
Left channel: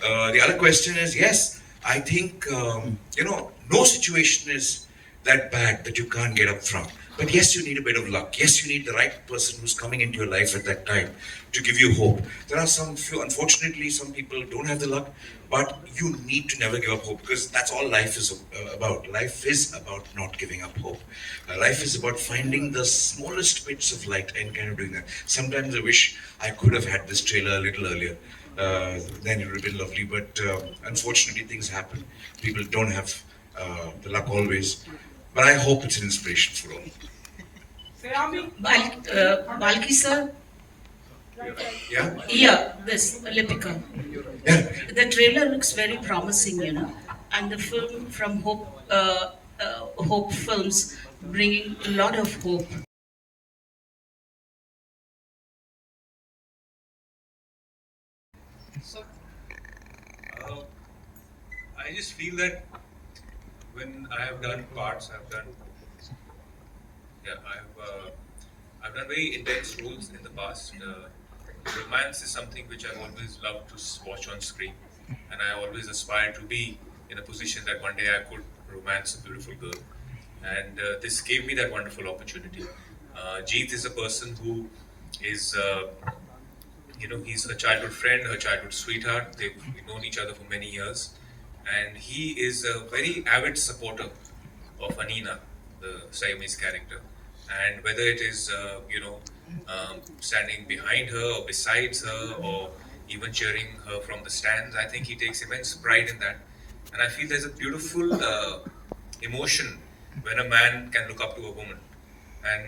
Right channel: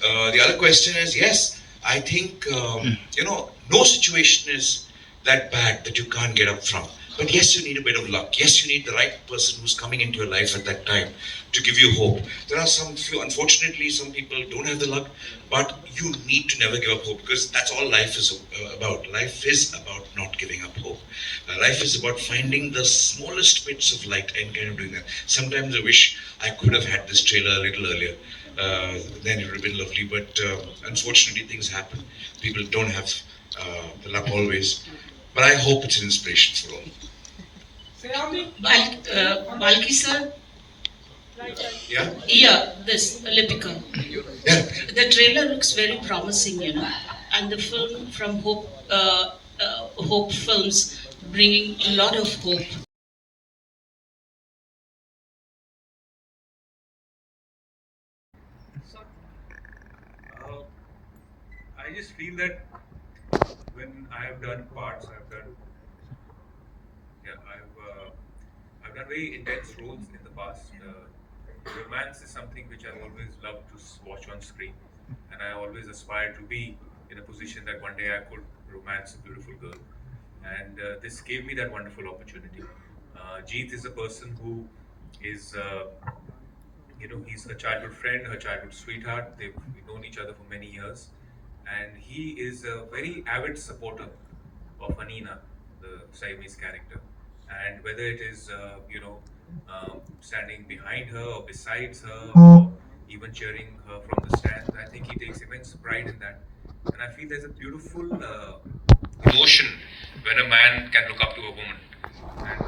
The other question is, yes, I think no situation is that bad that you can't get up from. But yes, you need a bit of luck. Yes, you need the right person who's coming into your life at that time to give you hope. There are unfortunately, some people don't have the luck, but you need to never give up hope because that's all life is about. Life is about not giving up hope. Life is about finding the smallest bits of light and kind of doing that. Sometimes I wish I could have had this trailer a little earlier. Then it would have been lovely, but unfortunately things happen. People don't have the luck always. But I hope it's an inspiration for all. Balki sir. Yeah? Yeah, this Lipika. Yeah. The trailer looks very promising, and the film from Hope Films bringing a lot of hope. I just feel that when I have done parts, I've done very intense roles in the past. Romance is something which I've always loved to watch on screen, and I always aspired to be in a position that one day I could romance a beautiful girl, and this gave me that wonderful opportunity. Jeet is a person who is, he's her childhood friend, her childhood sweetheart. They've known each other for many years, and he is a very avid supporter of Anina, the Saiyami's character. And whether it is, standing behind her or besides her or even cheering her from the stands, I think he takes immense pride in that. And I feel there's a beautiful emotion when a man can look up to a woman and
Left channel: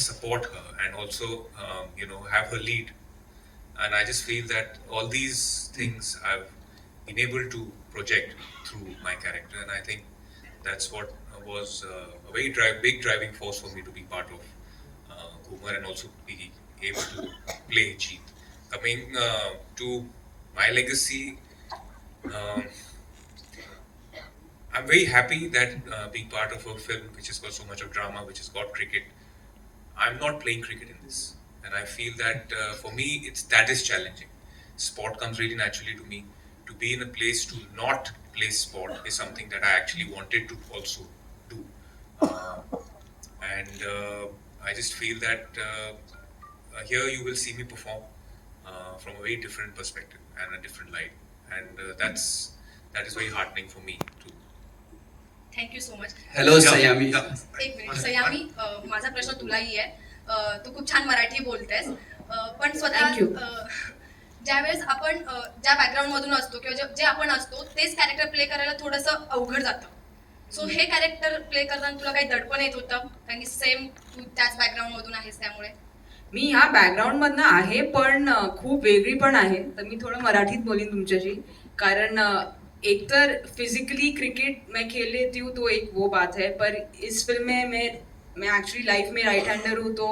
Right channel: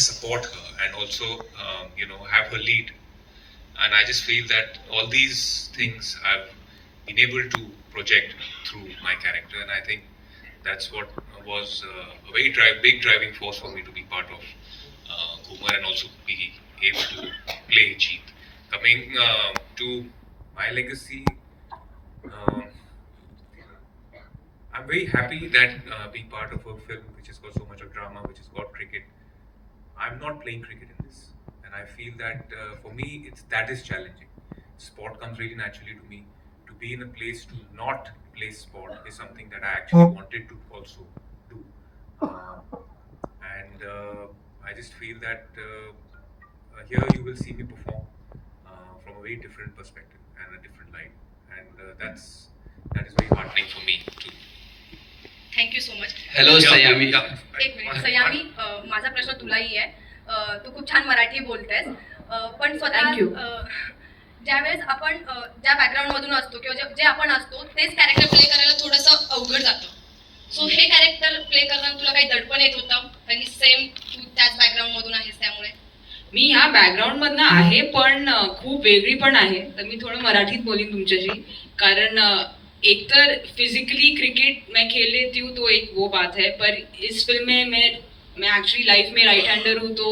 support her and also, have her lead. And I just feel that all these things I've been able to project through my character, and I think that's what was a very big driving force for me to be part of Ghoomer and also be able to play Jeet. Coming to my legacy, I'm very happy that being part of a film which has got so much of drama, which has got cricket. I'm not playing cricket in this, and I feel that for me that is challenging. Sport comes really naturally to me. To be in a place to not play sport is something that I actually wanted to also do, and I just feel that here you will see me perform from a very different perspective and a different light, and that is very heartening for me too. Thank you so much. Hello Saiyami. एक minute सयामी, माझा प्रश्न तुलाही आहे. तू खूप छान मराठी बोलतेस, पण स्वतः ज्यावेळेस आपण ज्या बॅकग्राऊंड मधून असतो किंवा जे आपण असतो तेच कॅरेक्टर प्ले करायला थोडंसं अवघड जातं. सो हे कॅरेक्टर प्ले करताना तुला काही दडपण येत होतं कारण की सेम तू त्याच बॅकग्राऊंड मधून आहेस त्यामुळे? मी ह्या बॅकग्राऊंड मधनं आहे, पण खूप वेगळी पण आहे. तर मी थोडं मराठीत बोलीन तुमच्याशी, कारण एक तर फिजिकली क्रिकेट मैं खेल लेती हूँ तो एक वो बात है, पर इस फिल्म में मैं एक्चुअली लाइफ में राइट हैंडर हूँ तो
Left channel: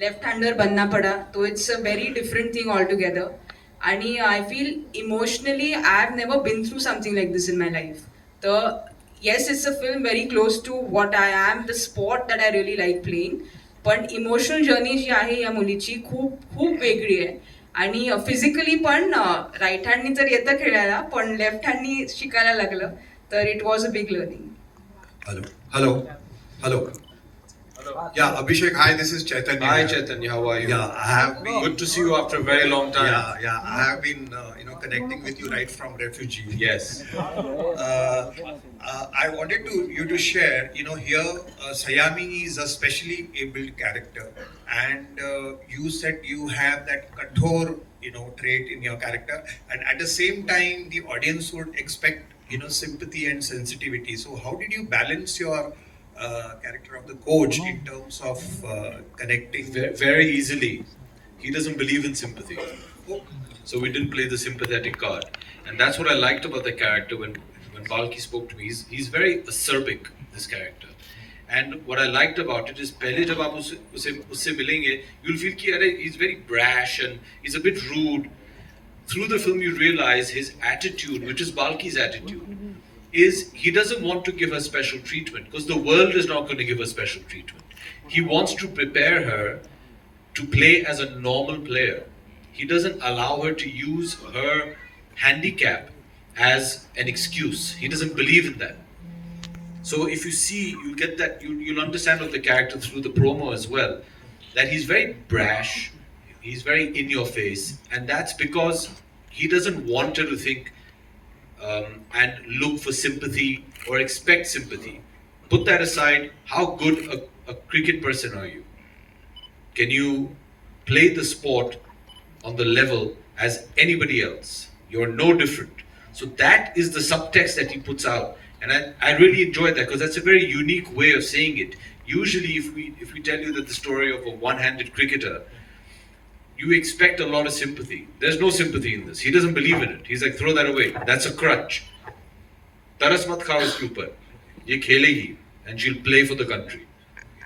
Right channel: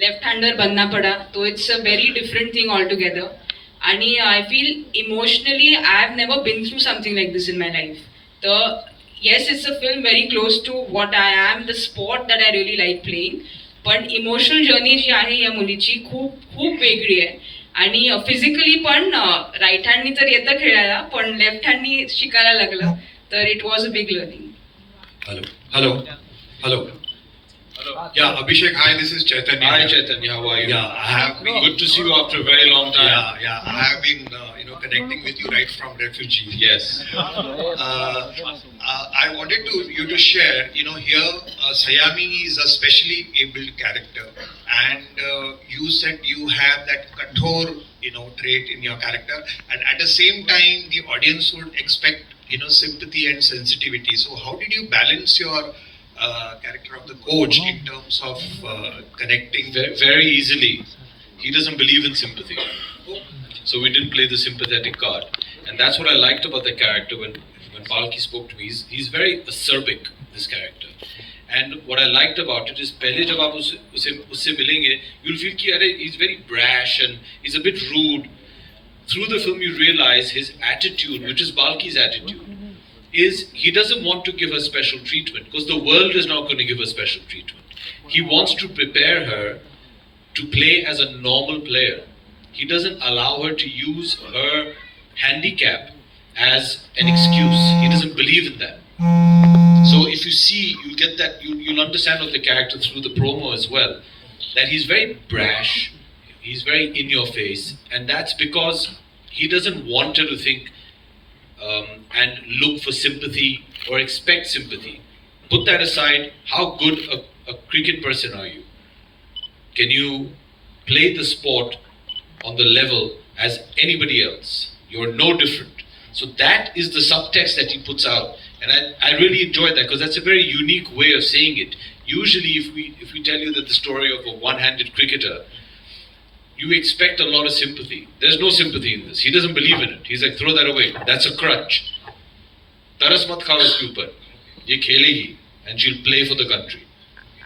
लेफ्ट हैंडर बनना पड़ा, तो it's a very different thing altogether. आणि I feel emotionally I have never been through something like this in my life. तर yes, it's a film very close to what I am, the spot that I really like playing. पण emotional journey जी आहे या मुलीची खूप खूप वेगळी आहे. आणि फिजिकली पण राईट हँडनी तर येतं खेळायला, पण लेफ्ट हँडनी शिकायला लागलं, तर it was a big learning. Hello. Hello. Hello. Yeah, Abhishek, hi, this is Chaitanya. Hi Chaitanya, how are you? Yeah, I have been Good to see you after a very long time. Yeah, I have been, connecting with you right from refugee. Yes. I wanted you to share, here Saiyami is a specially abled character, and you said you have that kathor, trait in your character, and at the same time, the audience would expect, sympathy and sensitivity. So, how did you balance your character of the coach in terms of connecting? Very easily. He doesn't believe in sympathy. So we didn't play the sympathetic card. And that's what I liked about the character when Balki spoke to me. He's very acerbic, this character. And what I liked about it is, पहले जब आप उससे मिलेंगे, you'll feel कि अरे he's very brash and he's a bit rude. Through the film you realize his attitude, which is Balki's attitude, is he doesn't want to give her special treatment because the world is not going to give her special treatment. He wants to prepare her to play as a normal player. He doesn't allow her to use her handicap as an excuse. He doesn't believe in that. So if you see, you'll get that, you'll understand of the character through the promo as well, that he's very brash, he's very in your face, and that's because he doesn't want her to think and look for sympathy or expect sympathy. Put that aside, how good a cricket person are you? Can you play the sport on the level as anybody else? You're no different. So that is the subtext that he puts out. And I really enjoyed that because that's a very unique way of saying it. Usually if we tell you that the story of a one-handed cricketer, you expect a lot of sympathy. There's no sympathy in this. He doesn't believe in it. He's like, throw that away. That's a crutch. Taras mat khao iske upar. Ye khelegi and she'll play for the country.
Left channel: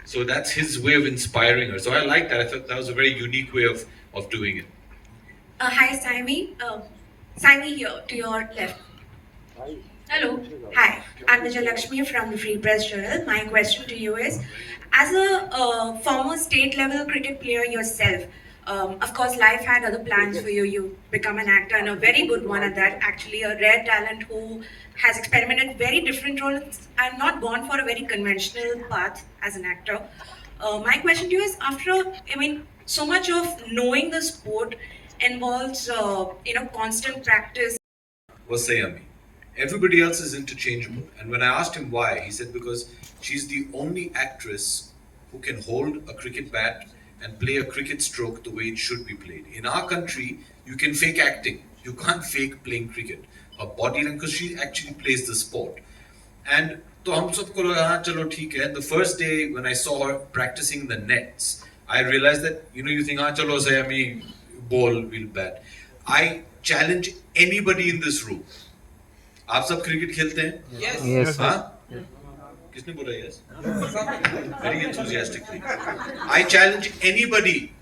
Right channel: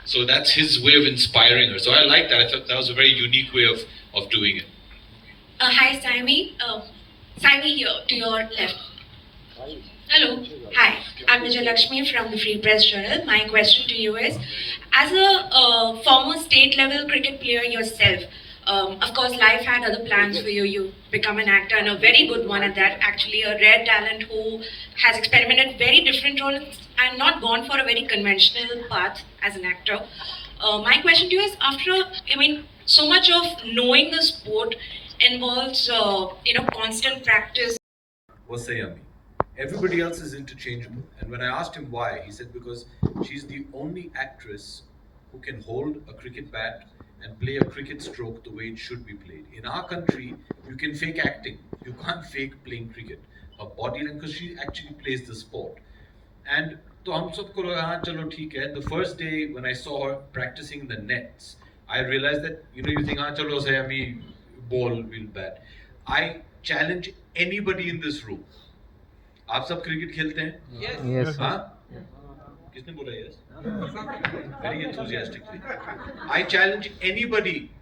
So that's his way of inspiring her. So I like that. I thought that was a very unique way of doing it. Hi, Saiyami. Saiyami here, to your left. Hello. Hi, I'm Vijay Lakshmi from the Free Press Journal. My question to you is, as a former state-level cricket player yourself, of course, life had other plans for you. You become an actor, and a very good one at that. Actually, a rare talent who has experimented very different roles and not gone for a very conventional path as an actor. My question to you is, so much of knowing the sport involves, constant practice. Was Saiyami. Everybody else is interchangeable. And when I asked him why, he said because she's the only actress who can hold a cricket bat and play a cricket stroke the way it should be played. In our country, you can fake acting. You can't fake playing cricket. Her body language, because she actually plays the sport. And to hum sabko laga, haan, chalo, theek hai. The first day when I saw her practicing the nets, I realized that, you think, haan, chalo, Saiyami, ball will bat. I challenge anybody in this room. आप सब cricket खेलते हैं? Yes. हाँ? किसने बोला yes? Very enthusiastically. I challenge anybody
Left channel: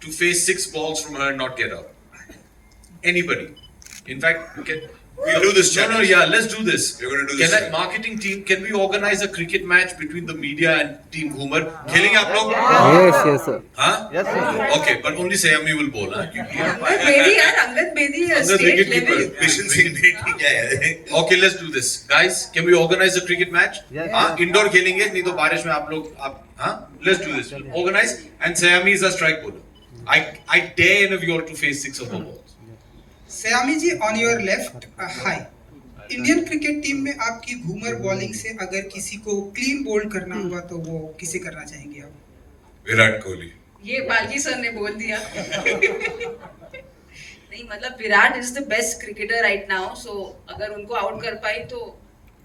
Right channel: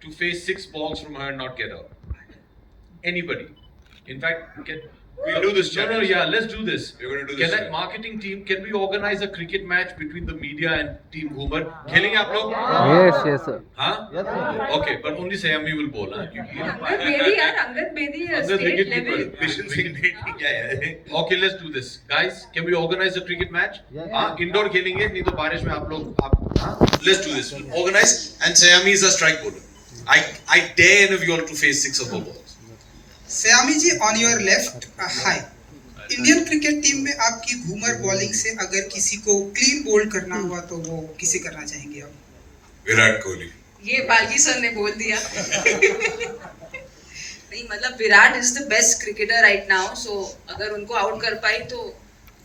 to face 6 balls from her and not get out. Anybody. In fact, we'll do this challenge. Let's do this. We're going to do this. Marketing team, can we organize a cricket match between the media and team Ghoomer? खेलेंगे आप लोग? Yes, sir. हाँ? Yes, sir. Okay, but only Saiyami will bowl. हाँ? Angad bedi is state level. Patience in waiting. Yeah. Okay, let's do this. Guys, can we organize a cricket match? Yes. हाँ? Indoor खेलेंगे, नहीं तो बारिश में आप लोग, हाँ? Let's do this. Organize, and Saiyami is a strike bowler. I dare any of you all to face 6 of the balls. Saiyami ji, on your left, hi. Indian cricket team में आपकी घूमर बॉलिंग से अगर किसी को क्लीन बोल्ड करना हुआ तो वो किसे करना चाहेंगे आप? विराट कोहली. ये बाल्की सर ने बोल दिया. नहीं, मतलब Virat is the best cricketer right now, so अगर उनको आउट कर पाई तो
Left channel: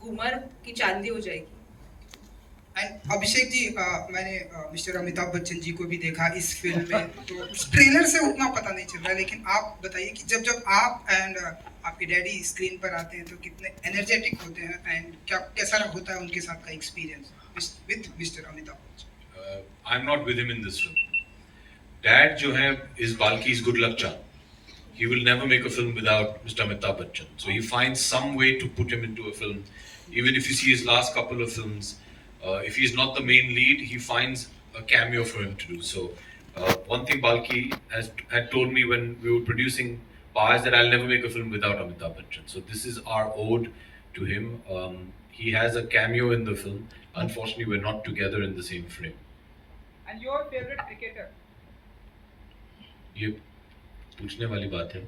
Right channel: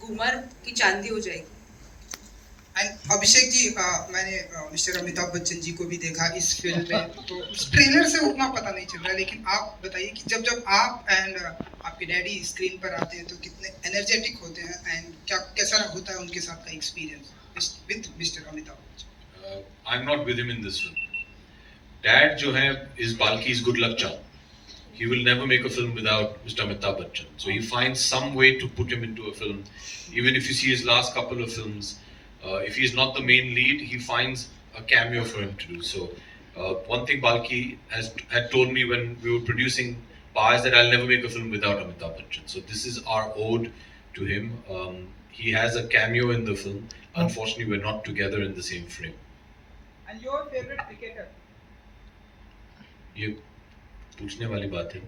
घूमर की चांदी हो जाएगी. एंड अभिषेक जी, मैंने मिस्टर अमिताभ बच्चन जी को भी देखा इस फिल्म में, तो ट्रेलर से उतना पता नहीं चल रहा, लेकिन आप बताइए कि जब आप एंड आपके डैडी स्क्रीन पर आते हैं तो कितने एनर्जेटिक होते हैं, एंड कैसा होता है उनके साथ का experience with mister Amitabh Bachchan? I am not with him in this film. Dad जो है is बाल्की's good luck charm. He will never make a film without Mr. Amitabh Bachchan. So he finds some way to put him into a film. Even if you see his last couple of films, if he's not the main lead, he finds a cameo for him to do. So one thing Balki had told me when we were producing Pa is that I'll never make a film without Amitabh Bachchan. So this is our ode to him. he has a cameo in the film. Unfortunately, we're not together in the same frame. And your favorite cricketer? ये पूछने वाली बात है.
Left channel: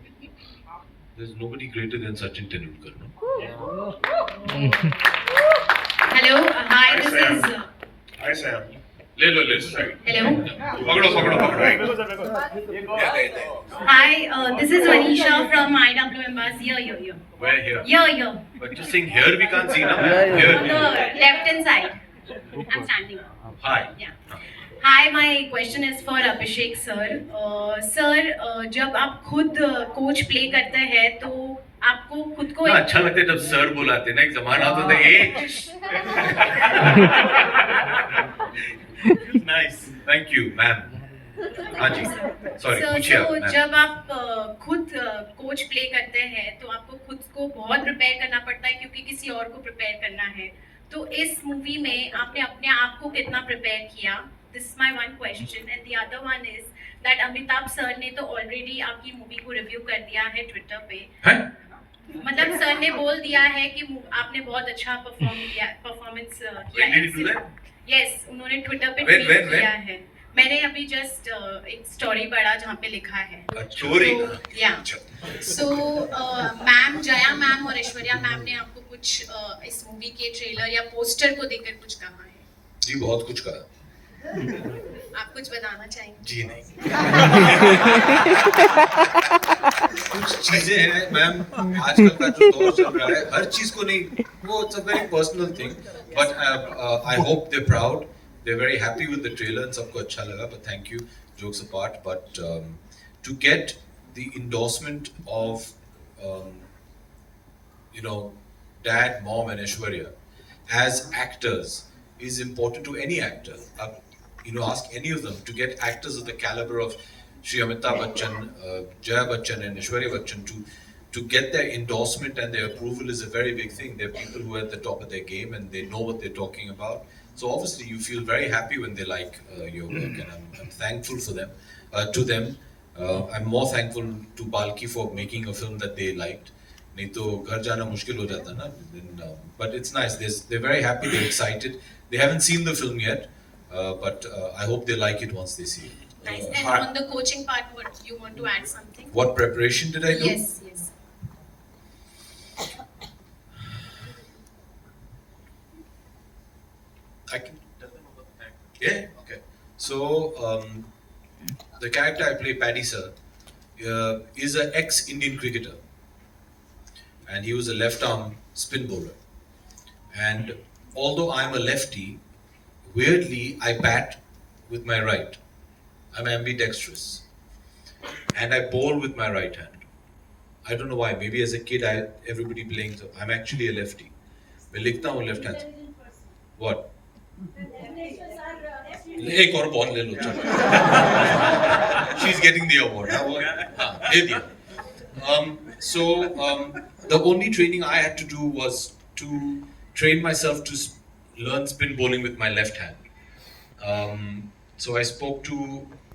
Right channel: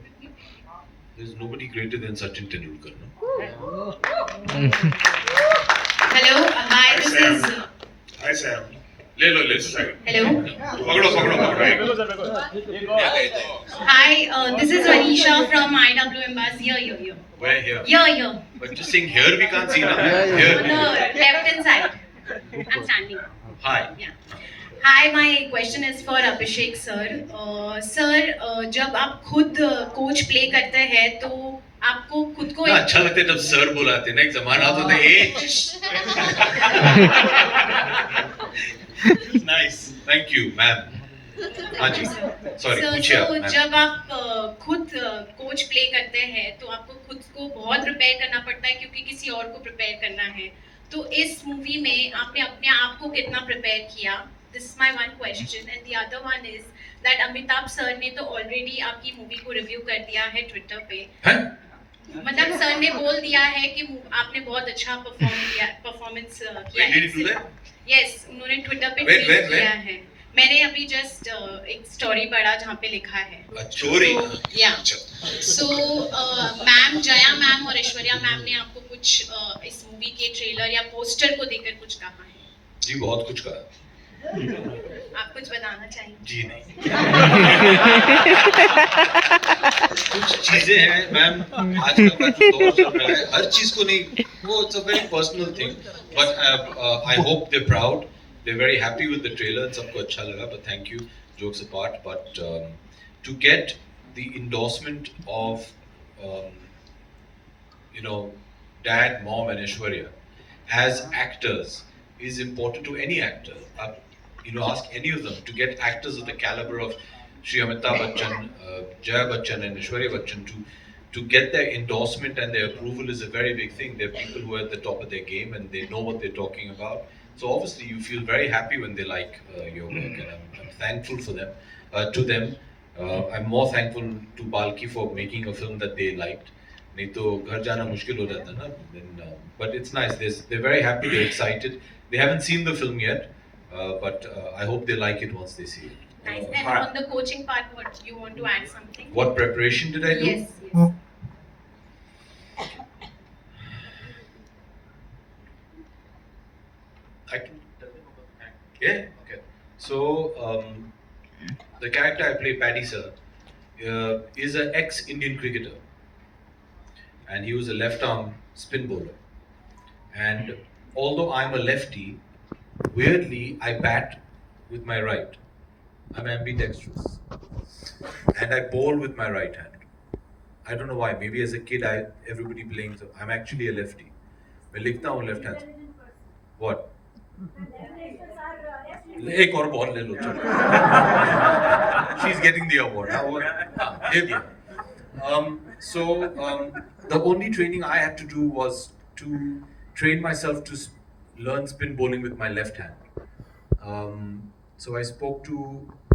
There's nobody greater than Sachin Tendulkar, no? Hello, hi, this is. Hi Sam. ले लो side. Hello. पकड़ो. Hi, this is Anisha from IWM Bus. Here. Where here? Here. But just saying here we can't see now. On the Here. left hand side. I'm standing. Hi. Yeah. Hi, my question is for Abhishek sir. Sir, जब आप खुद coach play करते हैं तो आपको खुद को अच्छा लगता है जब सर बुलाते हैं ना. एक जमाना होता था Nice. Thank you, ma'am. हाँ जी. Sorry. पूछिए आप. तो जब आप खुद कोच प्ले करते हैं तो आपको खुद को बहुत प्रिपेयर करना पड़ता है क्योंकि किसी और को प्रिपेयर करना है. तो इस मूवी में आपने अपने आप को कितना प्रिपेयर किया? This is my one question, and the other one is that Amitabh sir ने तो already आपकी मूवी को रिव्यू कर दिया है ट्विटर पे. मतलब सर ने बोल दिया है कि आपने बहुत अच्छा परफॉर्मेंस किया है. Yes, उन्होंने ट्विटर पे ट्वीट किया है. मैंने अभी जस्ट एक स्टोरी पढ़ा जहाँ पे लिखा है. Story. So ma'am Jaya ma'am और ऐश्वर्या मैम ने आपको कुछ इस मूवी के ट्रेलर या पोस्टर को देखकर कुछ कहा है? जी बहुत कुछ कहा. आप कुछ बताना चाहिए? जी नहीं. कुछ चीजें हैं मैम आजकल का जो दौर चल रहा है हर चीज को नहीं वो it's a very personal thing but I hope they proud they very happy with the trailer सबको अच्छा लगा but thank you jokes apart but to get the endorsement of you know dad mom and Aishwarya as actors is important to any actor. Ask any of them to get actors of the caliber of Shri Amitabh Bachchan, Jaya Bachchan and Aishwarya Bachchan to get their endorsement and their approval is a very big thing. They're people who are at the top of their game and they know what they're talking about. So obviously you feel very happy when they like your work and I'm thankful for them, to them. I'm more thankful to Balki for making a film that they liked. नहीं तो घर जाना मुश्किल हो जाता ना. But it's nice. They're very happy. They're excited. They haven't seen the film yet, but I hope they like it once they see it. Nice. And on the coaching part, what you want to add something? What preparation did I do? Yes. I can tell them about the character. Yeah. Okay. So the character I play, Paddy sir, is an ex-Indian cricketer, and he was a left-arm spin bowler. And although I'm a lefty, weirdly I bat with my right. I'm ambidextrous, and I bowl with my right hand. I don't know why. Maybe as a kid, everybody playing. So I'm actually a lefty. मैं लिखता हूँ left hand. What? एक और ball ले लो. She's getting the award. दे दिया. So the only training I had to do was to train myself to learn spin bowling with my left hand. So I spoke to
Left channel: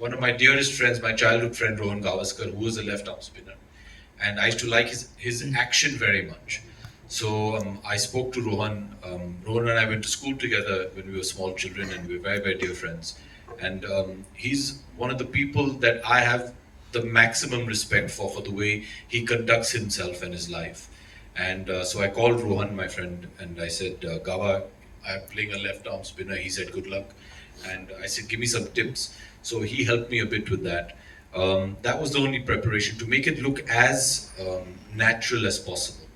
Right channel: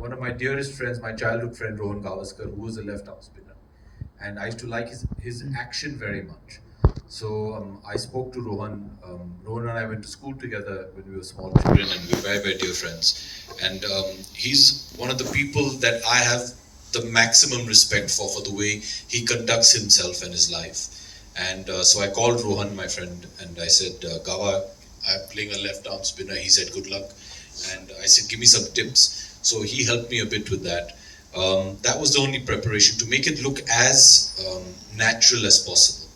one of my dearest friends, my childhood friend Rohan Gavaskar, who was a left arm spinner, and I used to like his action very much. So I spoke to Rohan. Rohan and I went to school together when we were small children, and we were very, very dear friends. And he's one of the people that I have the maximum respect for the way he conducts himself and his life. And so I called Rohan, my friend, and I said, Gava, I'm playing a left arm spinner. He said, good luck. And I said, give me some tips. So he helped me a bit with that. That was the only preparation, to make it look as natural as possible.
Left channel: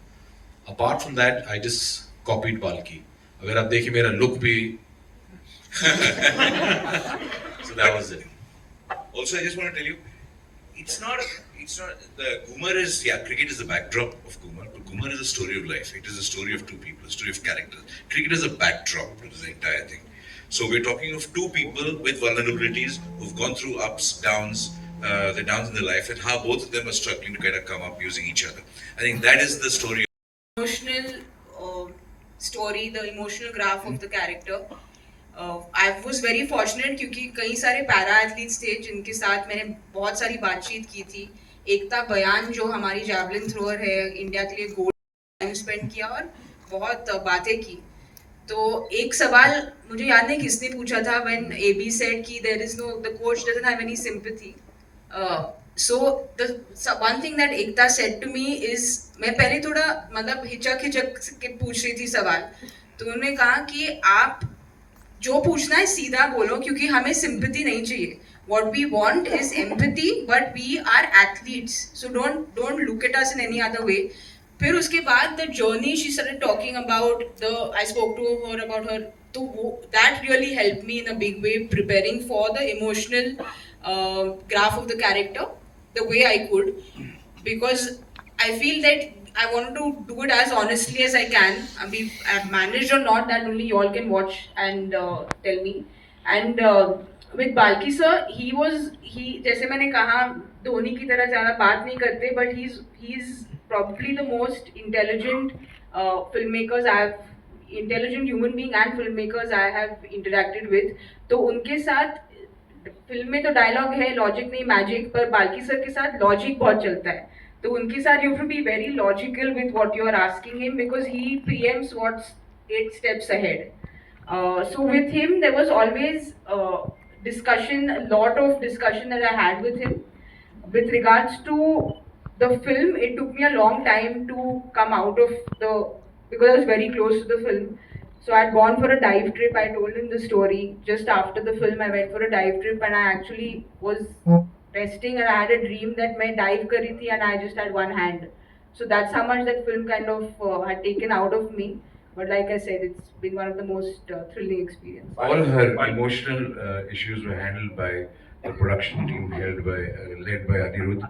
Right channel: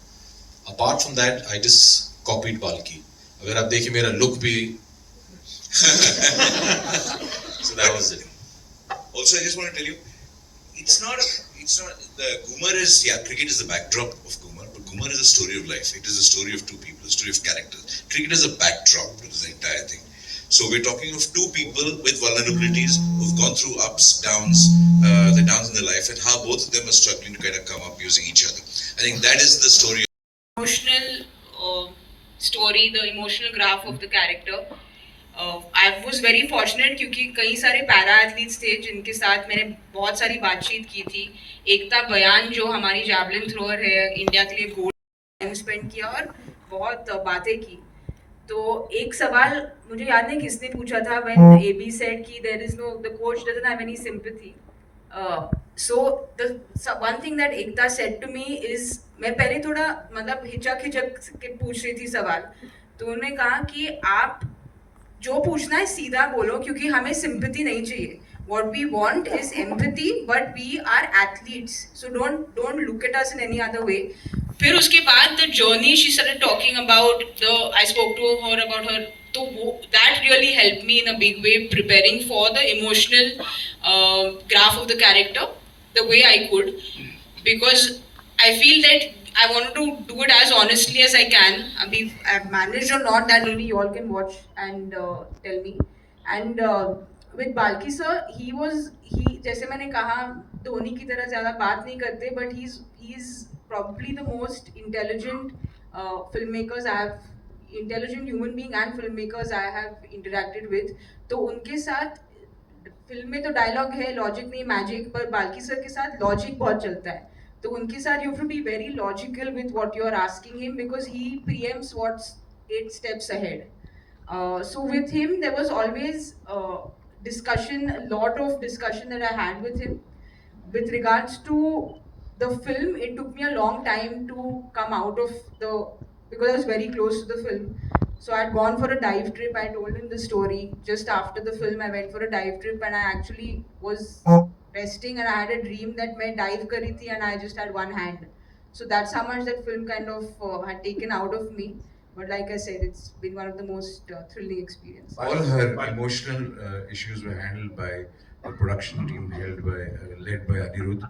Apart from that, I just copied Balki. Agar aap dekhiye mera look bhi. So that was it. Also, I just want to tell you, it's not the Ghoomer is, cricket is the backdrop of Ghoomer, but Ghoomer is a story of life. It is a story of two people, a story of characters. Cricket is a backdrop to the entire thing. So we're talking of two people with vulnerabilities who've gone through ups, downs, the downs in their life, and how both of them are struggling to kind of come up using each other. I think that is the story. Emotional story, the emotional graph of the character. I was very fortunate क्योंकि कई सारे para athletes थे जिनके साथ मैंने बहुत सारी बातचीत की थी. एकता बयान जो हमारी जैवलिन थ्रोअर है, इंडिया के लिए गोल्ड टाइम स्पेंड किया और बहुत बातें की. तो एक सवाल मुझे याद नहीं किसने पूछा था when AB said कि the coach doesn't have any sympathy. So the one thing that Ekta said to me is मैं पहले थोड़ा मतलब हिचक के पूछ रही थी सवाल, तो उन्होंने कहा कि आप जो पूछना है सीधा बोलो क्योंकि हमें सिंपैथी नहीं चाहिए. What we want is empathy, but we are athletes, so don't look at us in any other way. फिर उसके बाद the journey she started talking about I spoke to her about her, तो वो that really helped me in a big way preparing for the emotional graph of the character the way I could, because I feel that I wanted to do it as honestly as I can. I mean, I've managed or not, that only you all can watch and tell me. And with Balki sir, he जैसे मैंने कहा धोनी की तरह ज़्यादा बात नहीं करते, but he's probably the most intelligent intelligent human being and filmmakers I have interacted with. तो उनके साथ फिल्म में तो डायलॉग है, लॉजिक नहीं मैजिक, पर बाल्की सर के साथ लॉजिक बहुत चलता है. तो उनके साथ you have to be very logical with what you are asking him because he preempts what's 8 steps ahead. So with him there was always discussion, a lot of discussion that I had with him. With regards to the film, it took me a long time to come out of because I was very close to the film. So I'd gone for a dive trip. I told him the story. Just after the film, I went for a dive trip and I actually was resting and I had a dream that मैं dive कर रही थी and I just had one hand. So that's how much that film kind of had taken out of me. But like I said, it's been one of the most thrilling experiences. All her emotional issues were handled by the production team led by Anirudh.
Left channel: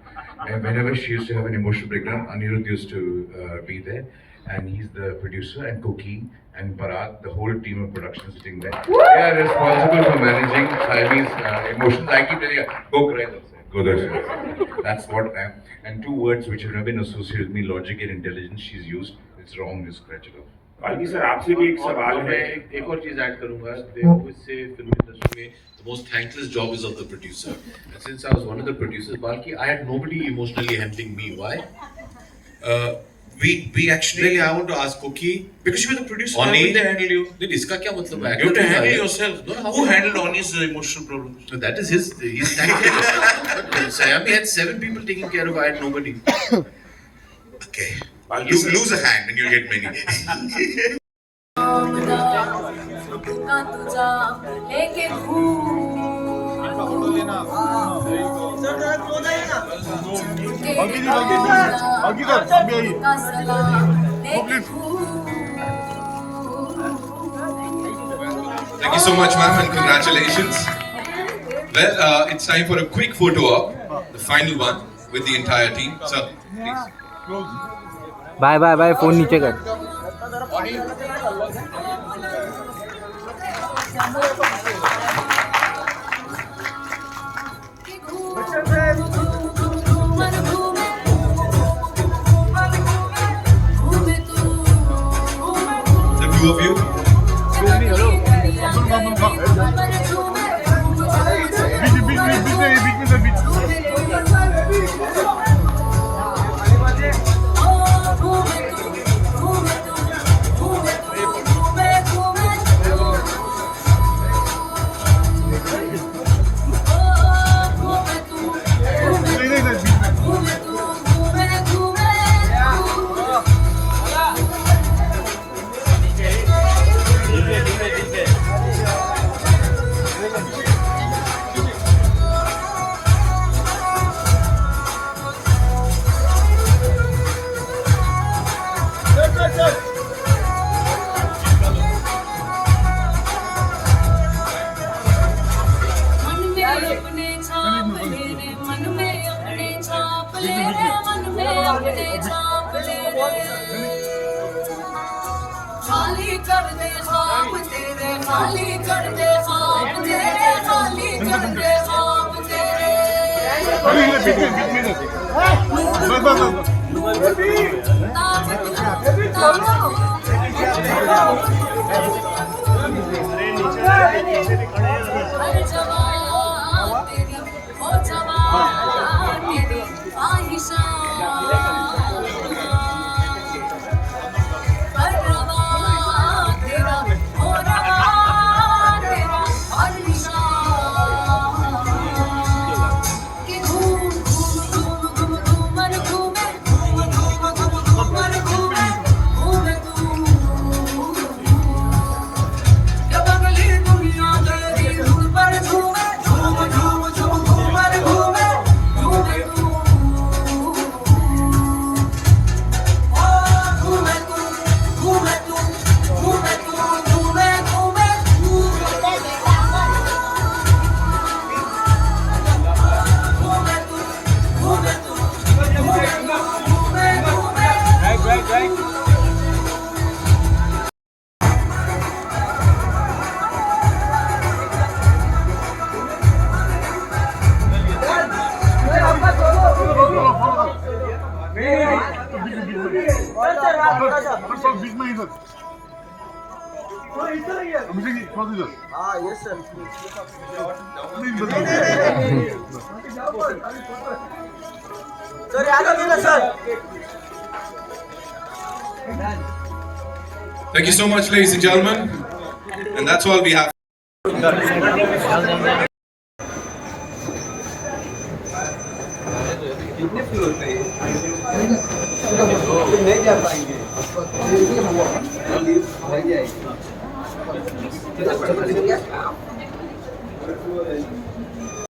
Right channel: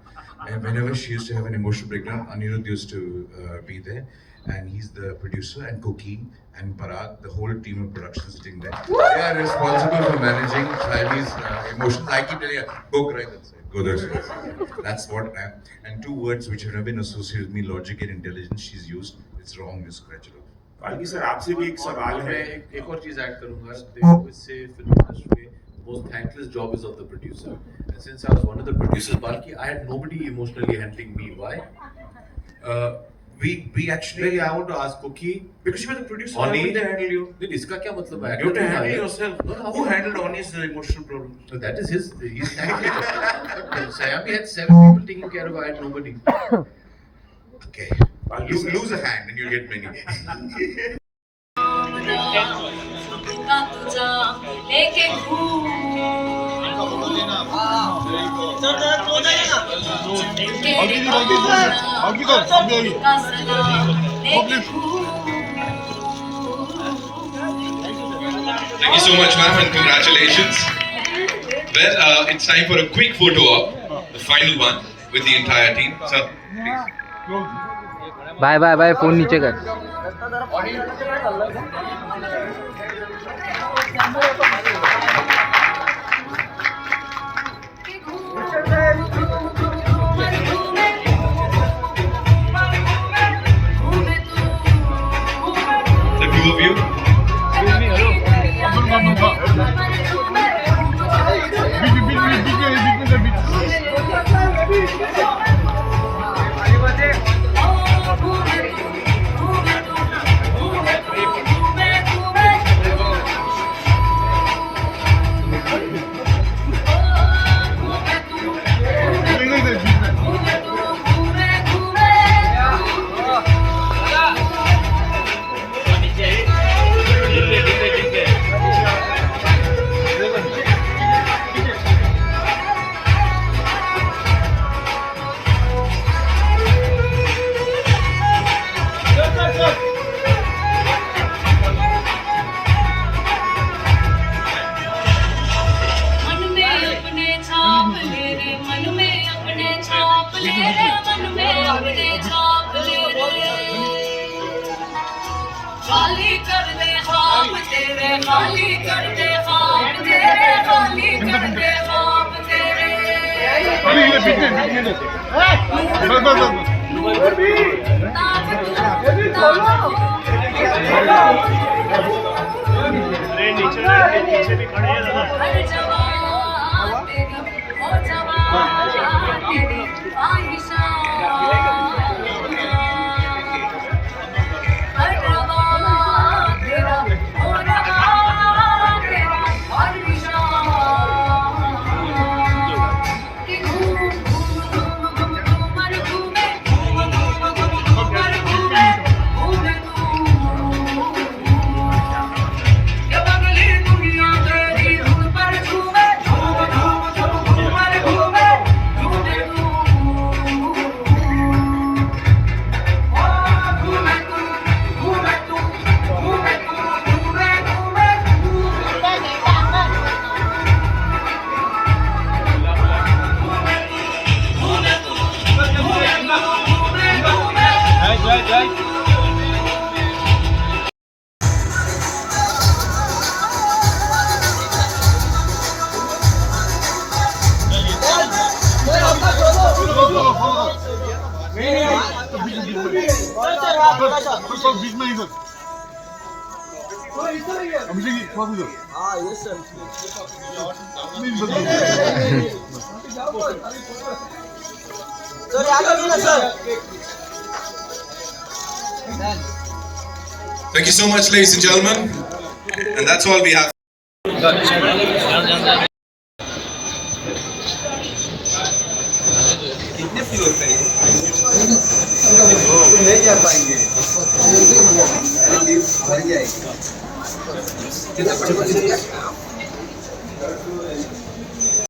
And whenever she used to have an emotional breakdown, Anirudh used to be there. And he's the producer, and Koki and Parag, the whole team of production sitting there. They are responsible for managing Saiyami's emotions. I keep telling her, go cry that side, go that side. That's what I am. And two words which have never been associated with me, logic and intelligence, she's used. It's wrong, you scratch it off. Balki sir आपसे भी एक सवाल है. एक और चीज add करूंगा. They always say film industry में the most thankless job is of the producer. And since I was one of the producers, Balki, I had nobody emotionally helping me. Why? We actually. Really, I want to ask Cookie. Because you were the producer. Oni, How did they handle you? Then इसका क्या मतलब है? You have to handle yourself. No, who handled Oni's emotional problems? So that is his thankless. But Saiyami had 7 people taking care of. I had nobody. Okay. Lose a hand and you'll get many. Thank you so much, ma'am, and congratulations. Well, it's time for a quick photo op, the final one with the entire team. So, please. Bye bye bye. Phone नीचे कर. The two of you. Thank you so much, ladies and gentlemen. And that's all we have. नहीं जा पाएंगे मर गया